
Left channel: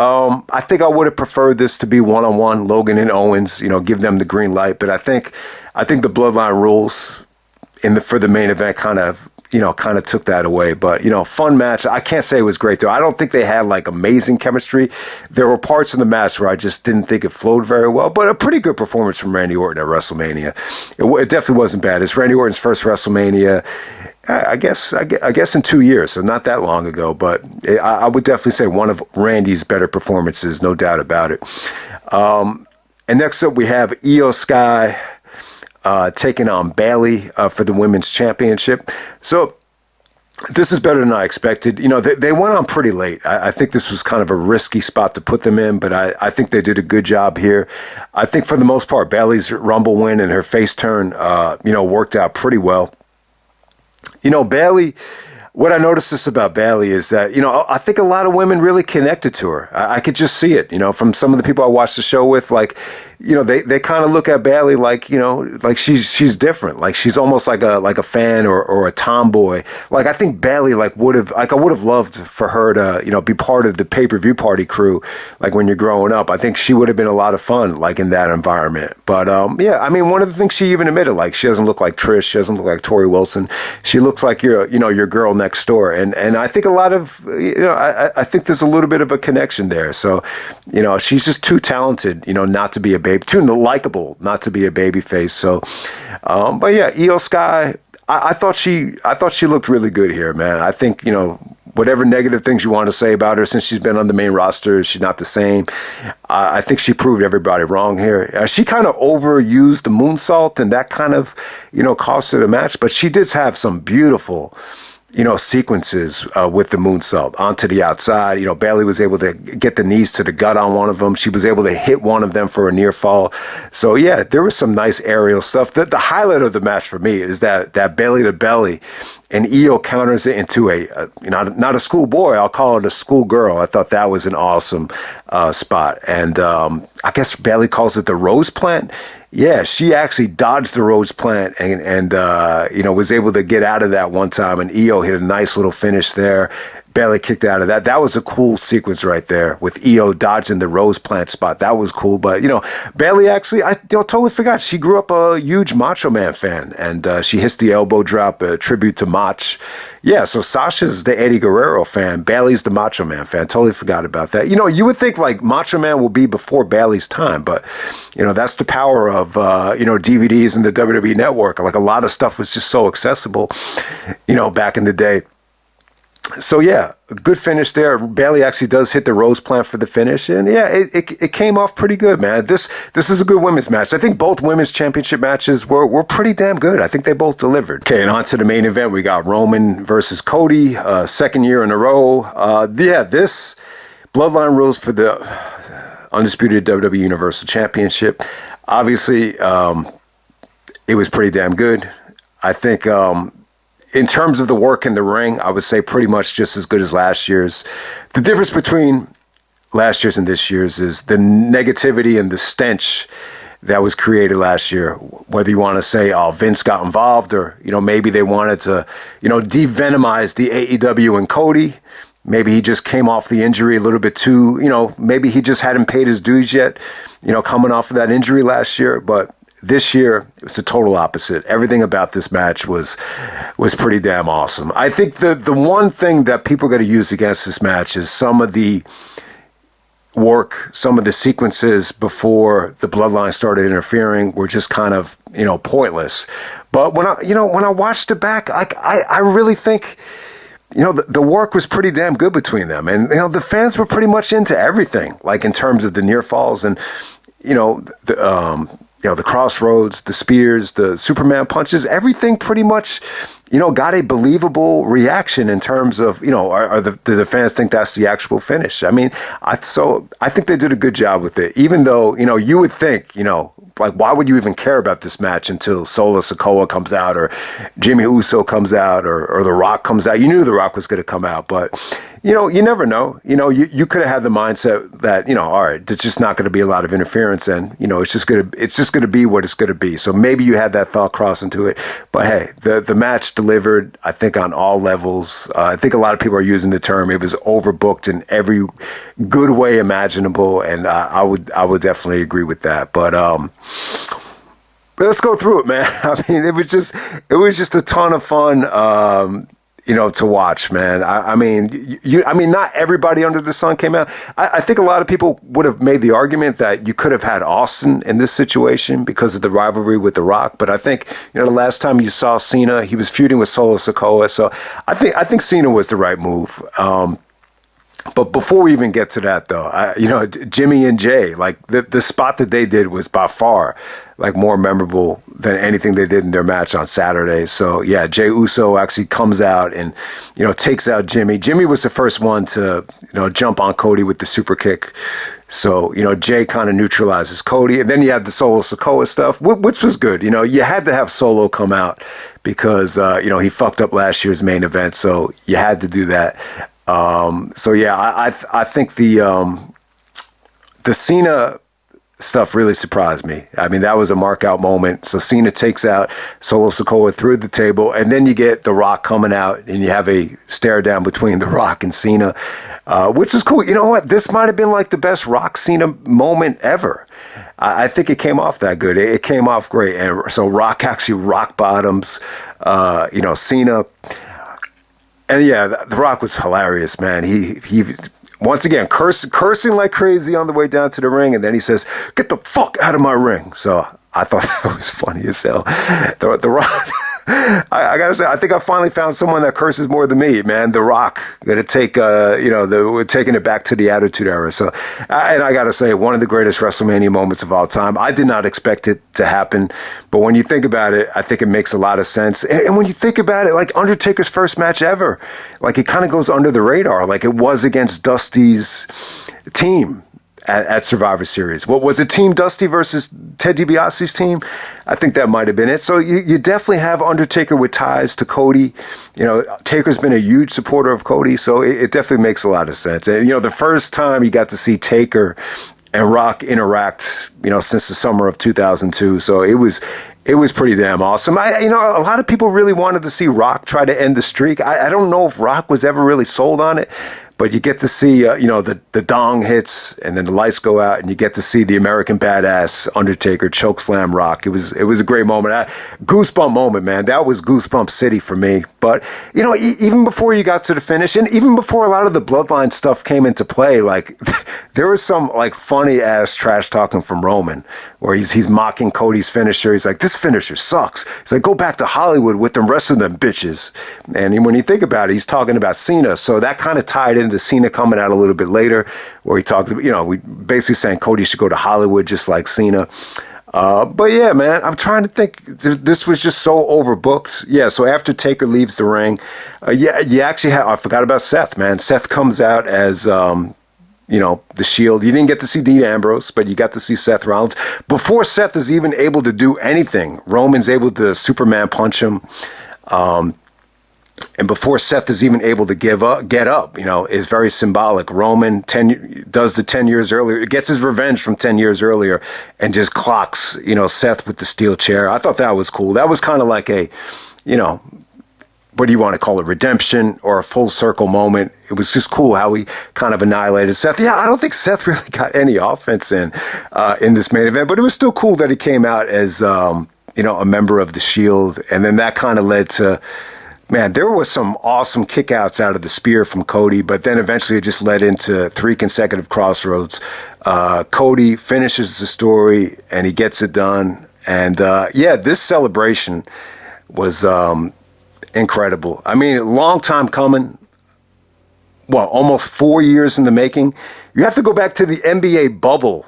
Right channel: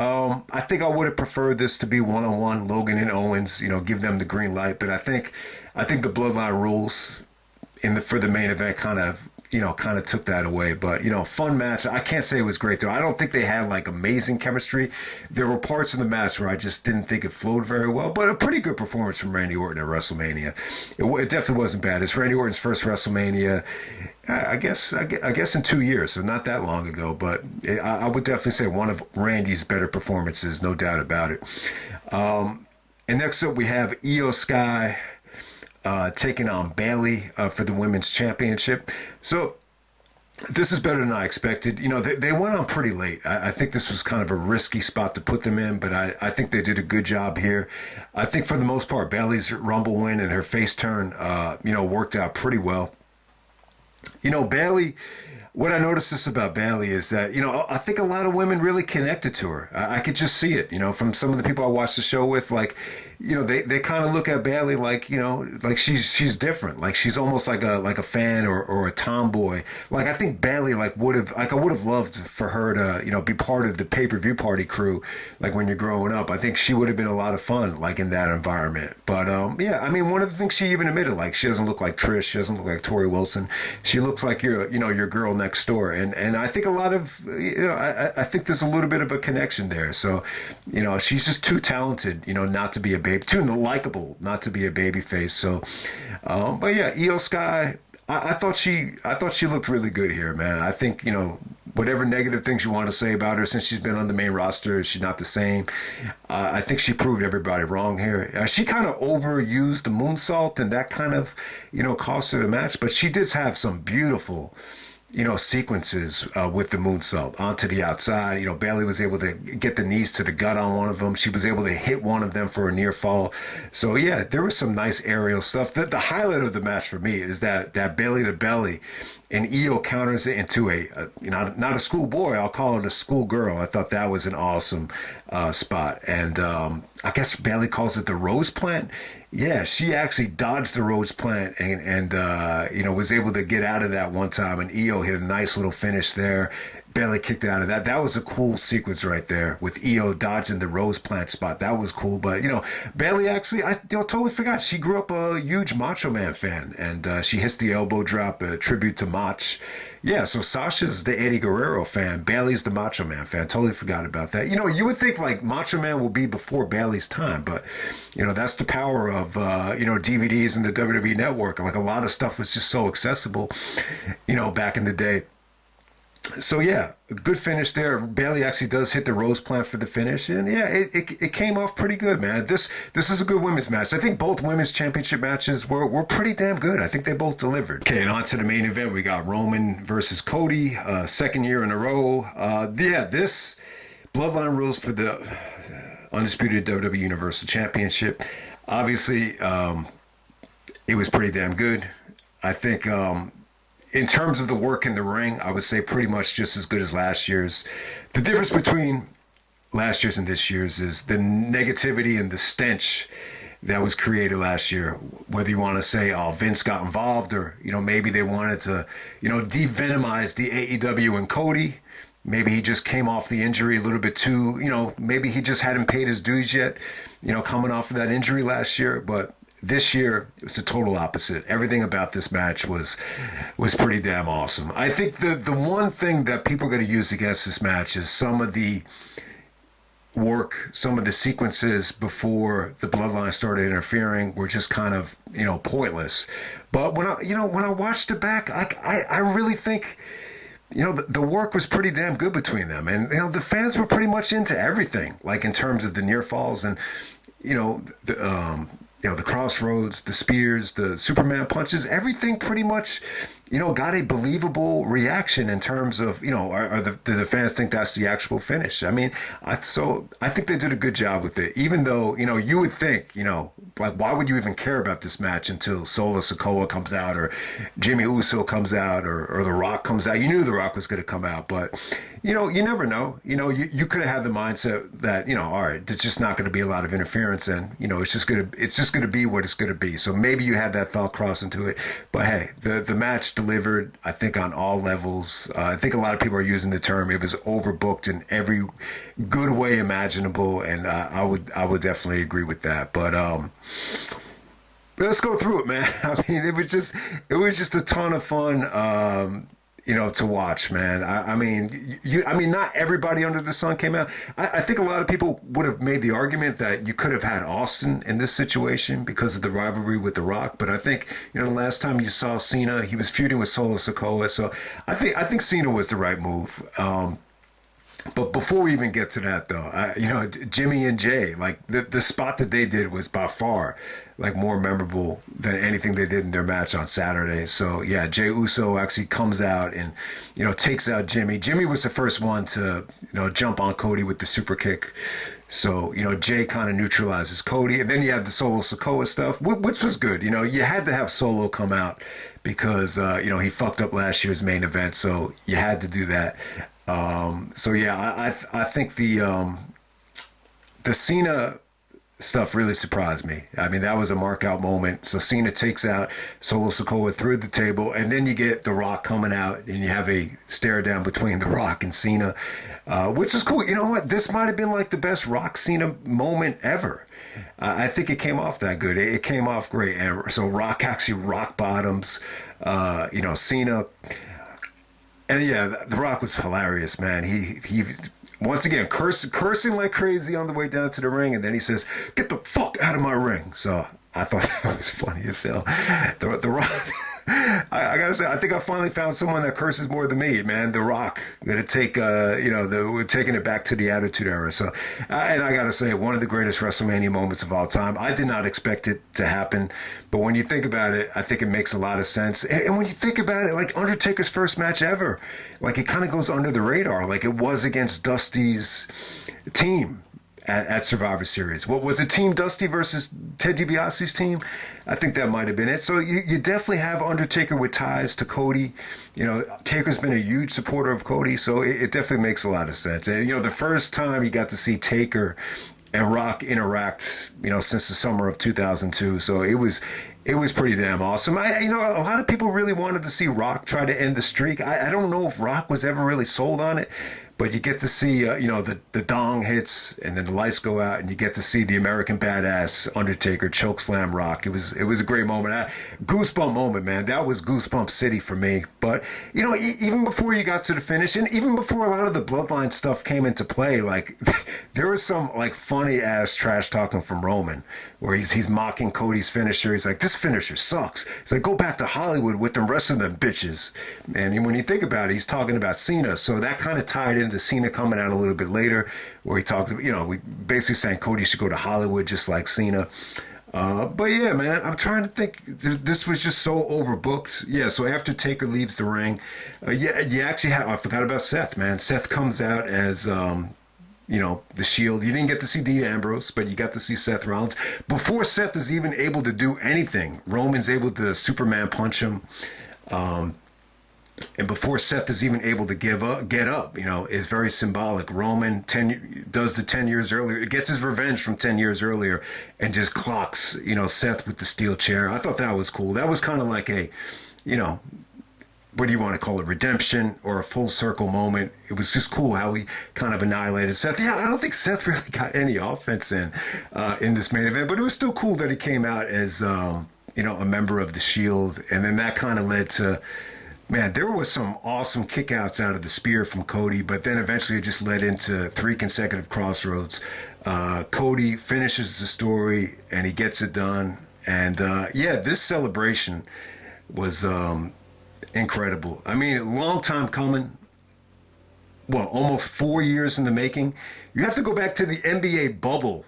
I think I would have preferred this to be 1-on-1, Logan and Owens. Give them the green light. But I think the Bloodline rules for the main event kind of took that away. But, fun match. I can't say it was great, though. I don't think they had, amazing chemistry. There were parts in the match where I just didn't think it flowed very well, but a pretty good performance from Randy Orton at WrestleMania. It definitely wasn't bad. It's Randy Orton's first WrestleMania, I guess in 2 years, so not that long ago, but I would definitely say one of Randy's better performances, no doubt about it. And next up, we have Io Sky taking on Bayley for the Women's Championship. So this is better than I expected. They went on pretty late. I think this was kind of a risky spot to put them in, but I think they did a good job here. I think for the most part, Bayley's Rumble win and her face turn, worked out pretty well. Bayley, what I noticed about Bayley is that, I think a lot of women really connected to her. I could just see it, from some of the people I watched the show with, they kind of look at Bayley like she's different. Like she's almost like a fan or a tomboy. I think Bayley I would have loved for her to, be part of the pay-per-view party crew, when you're growing up. I think she would have been a lot of fun, in that environment. But, yeah, I mean, one of the things she even admitted, she doesn't look like Trish. She doesn't look like Tori Wilson. She looks like your girl next door. And I think a lot of, I think there's a little bit of a connection there. So, she's just too talented, not to be a baby, too likable not to be a baby face. So, but yeah, Io Sky, I thought she looked really good here, man. I think, whatever negative things you want to say about her since she's been on the main roster, she's not the same. I think she proved everybody wrong here. She kind of overused the moonsault, and that kind of, cost her the match. But she did have some beautiful, sequences with the moonsault onto the outside. Bayley was able to get the knees to the gut on one of them. She was able to hit one of them for a near fall. So yeah, there was some nice aerial stuff. The highlight of the match for me is that belly to belly, and Io counters it into not a schoolboy, I'll call it a schoolgirl. I thought that was an awesome spot. And I guess Bayley calls it the rose plant. Yeah, she actually dodged the Rhodes plant and was able to get out of that one time. And Io hit a nice little finish there. Bayley kicked out of that. That was a cool sequence right there with Io dodging the Rose plant spot. That was cool. But, Bayley actually, I totally forgot. She grew up a huge Macho Man fan. And she hits the elbow drop, a tribute to Mach. Yeah, so Sasha's the Eddie Guerrero fan. Bayley's the Macho Man fan. Totally forgot about that. You would think Macho Man will be before Bayley's time, but that's the power of DVDs and the WWE Network. A lot of stuff was just so accessible, back in the day. So yeah, a good finish there. Bayley actually does hit the rose plant for the finish, and yeah, it came off pretty good, man. This is a good women's match. I think both women's championship matches were pretty damn good. I think they both delivered. Okay, and on to the main event. We got Roman versus Cody, second year in a row. Yeah, this Bloodline rules for the Undisputed WWE Universal Championship. Obviously, it was pretty damn good. I think. In terms of the work in the ring, I would say pretty much just as good as last year's. The difference between last year's and this year's is the negativity and the stench that was created last year. Whether you want to say, oh, Vince got involved, or, maybe they wanted to, de-venomize the AEW and Cody. Maybe he just came off the injury a little bit too, maybe he just hadn't paid his dues yet, coming off of that injury last year. But this year, it was the total opposite. Everything about this match was pretty damn awesome. I think the one thing that people are going to use against this match is some of the work, some of the sequences before the Bloodline started interfering were just kind of, pointless. But when I watched it back, I really think, the work was pretty damn good between them. And, the fans were pretty much into everything, in terms of the near falls and, the crossroads, the spears, the Superman punches, everything pretty much, got a believable reaction in terms of, do the fans think that's the actual finish? I mean, I think they did a good job with it, even though, you would think, like, why would you even care about this match until Solo Sikoa comes out or Jimmy Uso comes out or The Rock comes out? You knew The Rock was going to come out, but you never know. You could have had the mindset that, all right, there's just not going to be a lot of interference, and it's just going to be what it's going to be. So maybe you had that thought cross into it. But hey, the match delivered, I think, on all levels. I think a lot of people are using the term it was overbooked in every good way imaginable, and I would definitely agree with that. But let's go through it, man. I mean, it was just a ton of fun. To watch, man. I mean, not everybody under the sun came out. I think a lot of people would have made the argument that you could have had Austin in this situation because of the rivalry with The Rock. But I think, the last time you saw Cena, he was feuding with Solo Sikoa. So I think Cena was the right move. But before we even get to that, though, Jimmy and Jey, like the spot that they did was by far like more memorable than anything they did in their match on Saturday. So yeah, Jey Uso actually comes out and, takes out Jimmy. Jimmy was the first one to, jump on Cody with the super kick. So, Jey kind of neutralizes Cody. And then you have the Solo Sikoa stuff, which was good. You had to have Solo come out because, he fucked up last year's main event. So you had to do that. So yeah, I think the Cena stuff really surprised me. I mean, that was a mark out moment. So Cena takes out Solo Sikoa through the table, and then you get The Rock coming out, and you have a stare down between The Rock and Cena, which is cool. You know what? This might have been like the best Rock Cena moment ever. I think it came off that good. It came off great. And so Rock actually rock bottoms, Cena. And yeah, The Rock was hilarious, man. He once again cursing like crazy on the way down to the ring, and then he says, "Get the fuck out of my ring." So I thought that was funny as hell. The Rock. I gotta say, I think I finally found someone that curses more than me, man. The Rock, gonna take, we're taking it back to the Attitude Era. So, and I gotta say, one of the greatest WrestleMania moments of all time. I did not expect it to happen, but when you think about it, I think it makes a lot of sense. And when you think about it, like Undertaker's first match ever, like it kind of goes under the radar. Like it was against Dusty's team at Survivor Series. What was it, Team Dusty versus Ted DiBiase's team? I think that might have been it. So you definitely have Undertaker with ties to Cody. Taker's been a huge supporter of Cody, so it definitely makes a lot of sense. And, the first time you got to see Taker and Rock interact, since the summer of 2002. So it was pretty damn awesome. A lot of people really wanted to see Rock try to end the streak. I don't know if Rock was ever really sold on it. But you get to see, the dong hits and then the lights go out and you get to see the American Badass Undertaker chokeslam Rock. It was a great moment. Goosebump moment, man. That was Goosebump City for me. But, even before you got to the finish and even before a lot of the Bloodline stuff came into play, like there was some like funny ass trash talking from Roman where he's mocking Cody's finisher. He's like, this finisher sucks. He's like, go back to Hollywood with them rest of them bitches. And when you think about it, he's talking about Cena. So that kind of tied into Cena coming out a little bit later where he talked about, we basically saying Cody should go to Hollywood just like Cena. But yeah, man, I'm trying to think. This was just so overbooked. Yeah, so after Taker leaves the ring, you actually have, I forgot about Seth, man. Seth comes out as, the Shield. You didn't get to see Dean Ambrose, but you got to see Seth Rollins. Before Seth is even able to do anything, Roman's able to Superman punch him. And before Seth is even able to get up, is very symbolic. Roman does the 10 years earlier, gets his revenge from 10 years earlier and just clocks, Seth with the steel chair. I thought that was cool. That was kind of like a, what do you want to call it, redemption or a full circle moment. It was just cool how he kind of annihilated Seth. Yeah, I don't think Seth really got any offense in this main event, but it was still cool that he came out as, a member of the Shield. And then that kind of led to, man, there was some awesome kickouts out of the spear from Cody, but then eventually it just led into 3 consecutive crossroads. Cody finishes the story and he gets it done. And this celebration was incredible. I mean, long time coming. Well, almost 4 years in the making. You have to go back to the NBA bubble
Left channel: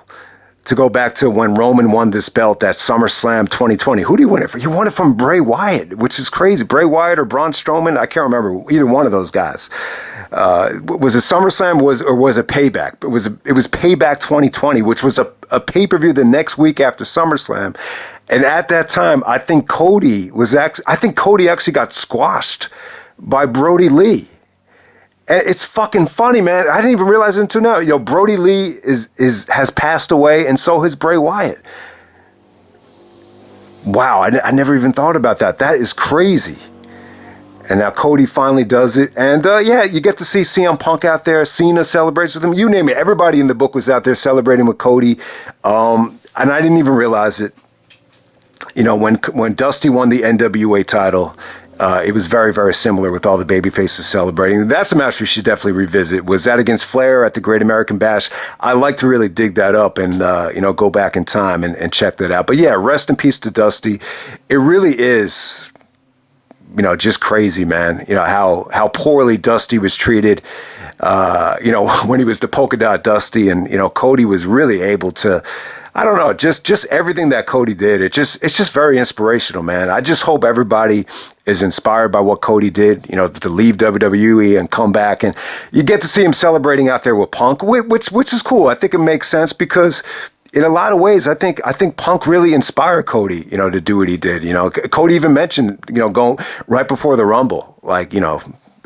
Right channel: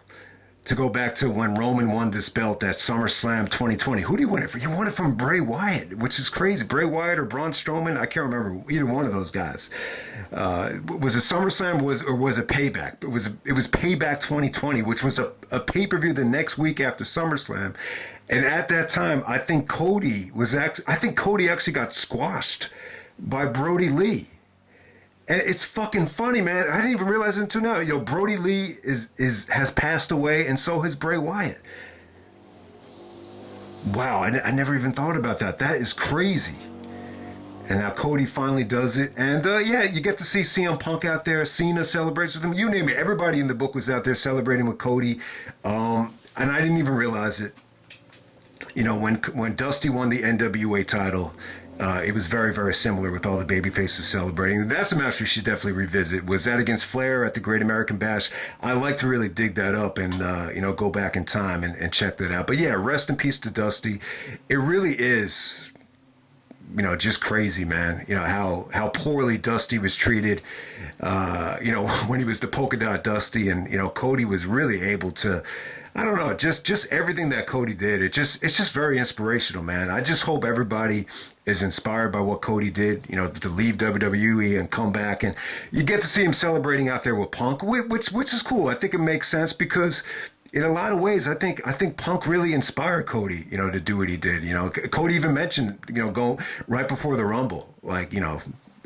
to go back to when Roman won this belt at SummerSlam 2020. Who do you win it from? You won it from Bray Wyatt, which is crazy. Bray Wyatt or Braun Strowman? I can't remember either one of those guys. Was it SummerSlam or was it Payback? It was Payback 2020, which was a pay-per-view the next week after SummerSlam. And at that time, I think Cody actually got squashed by Brody Lee. And it's fucking funny, man. I didn't even realize it until now. Brody Lee has passed away, and so has Bray Wyatt. Wow, I never even thought about that. That is crazy. And now Cody finally does it. And you get to see CM Punk out there. Cena celebrates with him. You name it. Everybody in the book was out there celebrating with Cody. And I didn't even realize it. When Dusty won the NWA title, it was very, very similar with all the babyfaces celebrating. That's a match we should definitely revisit. Was that against Flair at the Great American Bash? I like to really dig that up and, go back in time and check that out. But yeah, rest in peace to Dusty. It really is, just crazy, man. How poorly Dusty was treated, when he was the polka dot Dusty, and, Cody was really able to, I don't know, just everything that Cody did. It's just very inspirational, man. I just hope everybody is inspired by what Cody did, to leave WWE and come back. And you get to see him celebrating out there with Punk, which is cool. I think it makes sense because in a lot of ways, I think Punk really inspired Cody, to do what he did. Cody even mentioned, going right before the Rumble, like,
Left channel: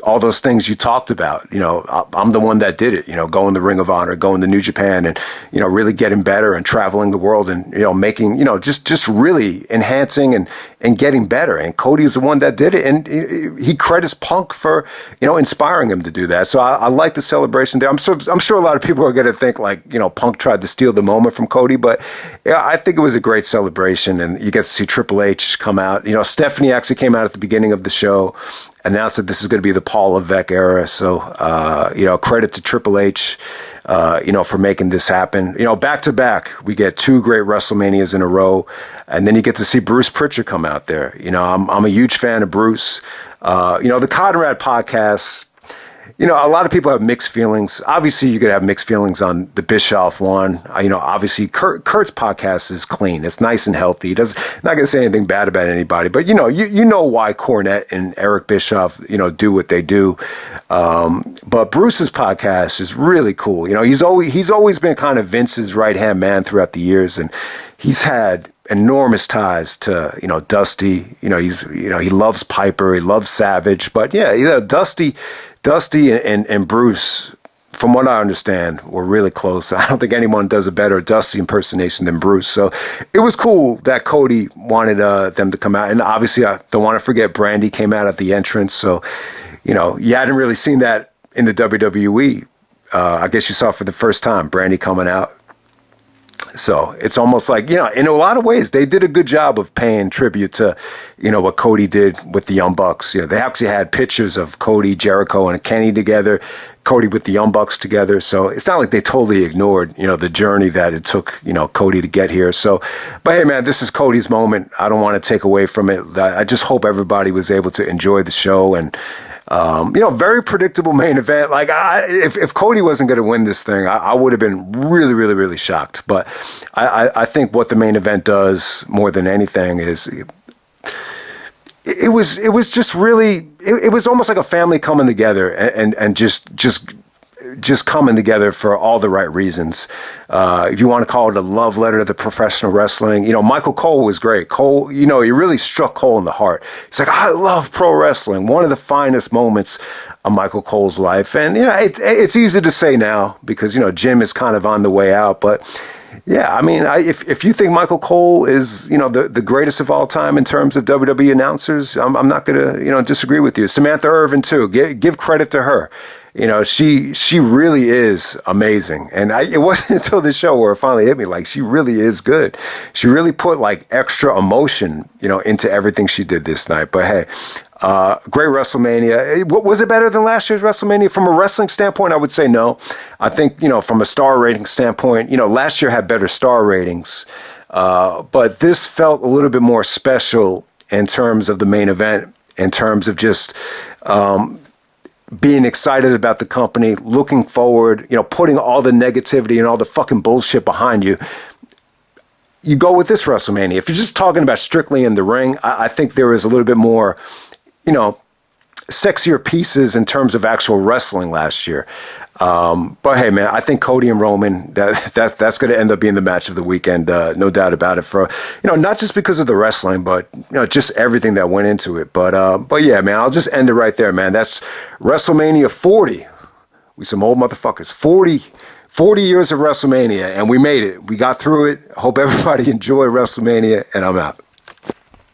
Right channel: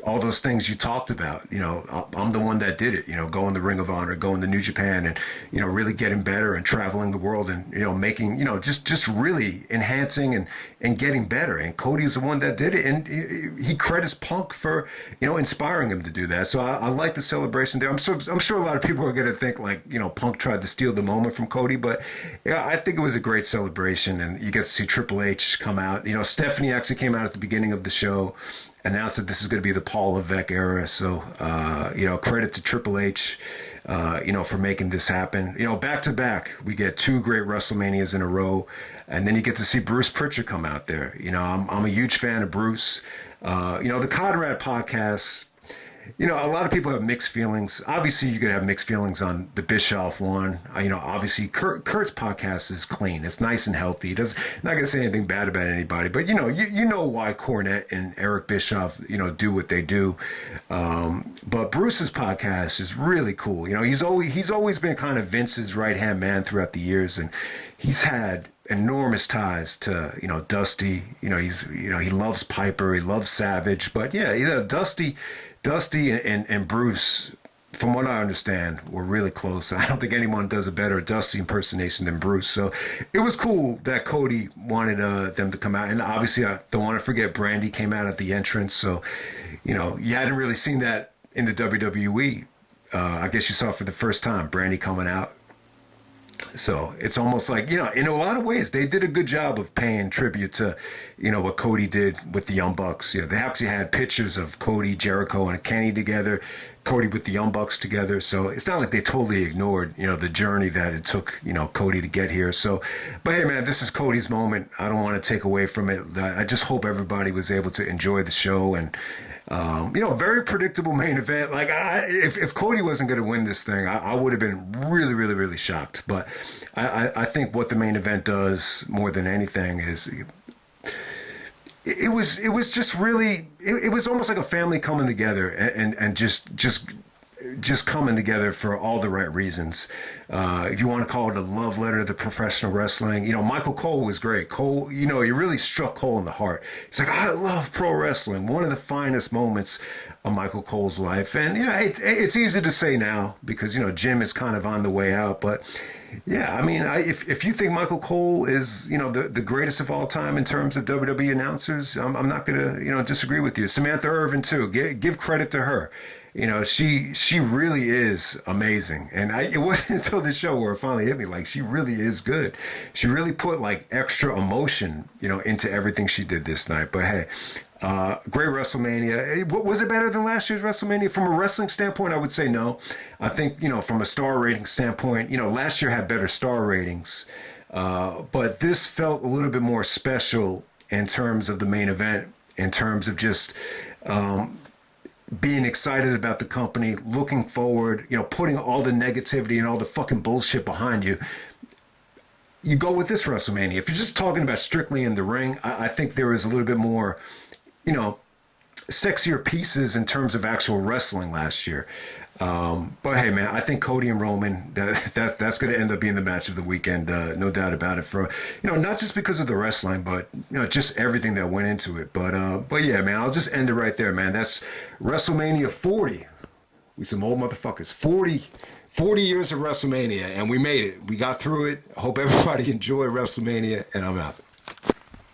all those things you talked about. I'm the one that did it, going to Ring of Honor, going to New Japan, and, really getting better and traveling the world and, making, just really enhancing and getting better. And Cody's the one that did it. And he credits Punk for, inspiring him to do that. So I like the celebration there. I'm sure a lot of people are going to think like, Punk tried to steal the moment from Cody, but yeah, I think it was a great celebration. And you get to see Triple H come out. Stephanie actually came out at the beginning of the show, announced that this is going to be the Paul Levesque era. So, credit to Triple H, for making this happen. Back to back, we get two great WrestleManias in a row. And then you get to see Bruce Pritchard come out there. I'm a huge fan of Bruce. The Conrad podcast, a lot of people have mixed feelings. Obviously, you could have mixed feelings on the Bischoff one. Obviously, Kurt's podcast is clean. It's nice and healthy. He not going to say anything bad about anybody. But, you know why Cornette and Eric Bischoff, do what they do. But Bruce's podcast is really cool. He's always been kind of Vince's right-hand man throughout the years. And he's had enormous ties to, Dusty. He loves Piper. He loves Savage. But, yeah, Dusty and Bruce, from what I understand, were really close. I don't think anyone does a better Dusty impersonation than Bruce. So it was cool that Cody wanted them to come out. And obviously, I don't want to forget Brandy came out at the entrance. So, you hadn't really seen that in the WWE. I guess you saw for the first time, Brandy coming out. So it's almost like, in a lot of ways, they did a good job of paying tribute to, what Cody did with the Young Bucks. They actually had pictures of Cody, Jericho, and Kenny together, Cody with the Young Bucks together. So it's not like they totally ignored, the journey that it took, Cody to get here. So, but hey, man, this is Cody's moment. I don't want to take away from it. I just hope everybody was able to enjoy the show. And, very predictable main event. Like, if Cody wasn't going to win this thing, I would have been really, really, really shocked. But I think what the main event does more than anything is it was just really, it was almost like a family coming together and just coming together for all the right reasons. If you want to call it a love letter to the professional wrestling, Michael Cole was great. Cole, he really struck Cole in the heart. He's like, I love pro wrestling. One of the finest moments of Michael Cole's life. And, it's easy to say now because, Jim is kind of on the way out. But, yeah, I mean, if you think Michael Cole is, the greatest of all time in terms of WWE announcers, I'm not going to, disagree with you. Samantha Irvin, too. Give credit to her. She really is amazing. And it wasn't until the show where it finally hit me, like, she really is good. She really put, like, extra emotion, into everything she did this night. But, hey, great WrestleMania. Was it better than last year's WrestleMania? From a wrestling standpoint, I would say no. I think, from a star rating standpoint, last year had better star ratings. But this felt a little bit more special in terms of the main event, in terms of just being excited about the company, looking forward, putting all the negativity and all the fucking bullshit behind you. you go with this WrestleMania. If you're just talking about strictly in the ring, I think there is a little bit more, you know, sexier pieces in terms of actual wrestling last year. But hey, man, I think Cody and Roman, that's going to end up being the match of the weekend, no doubt about it. For, you know, not just because of the wrestling, but, you know, just everything that went into it. But yeah, man, I'll just end it right there, man. That's WrestleMania 40. We some old motherfuckers. 40 years of WrestleMania, and we made it. We got through it. Hope everybody enjoyed WrestleMania, and I'm out.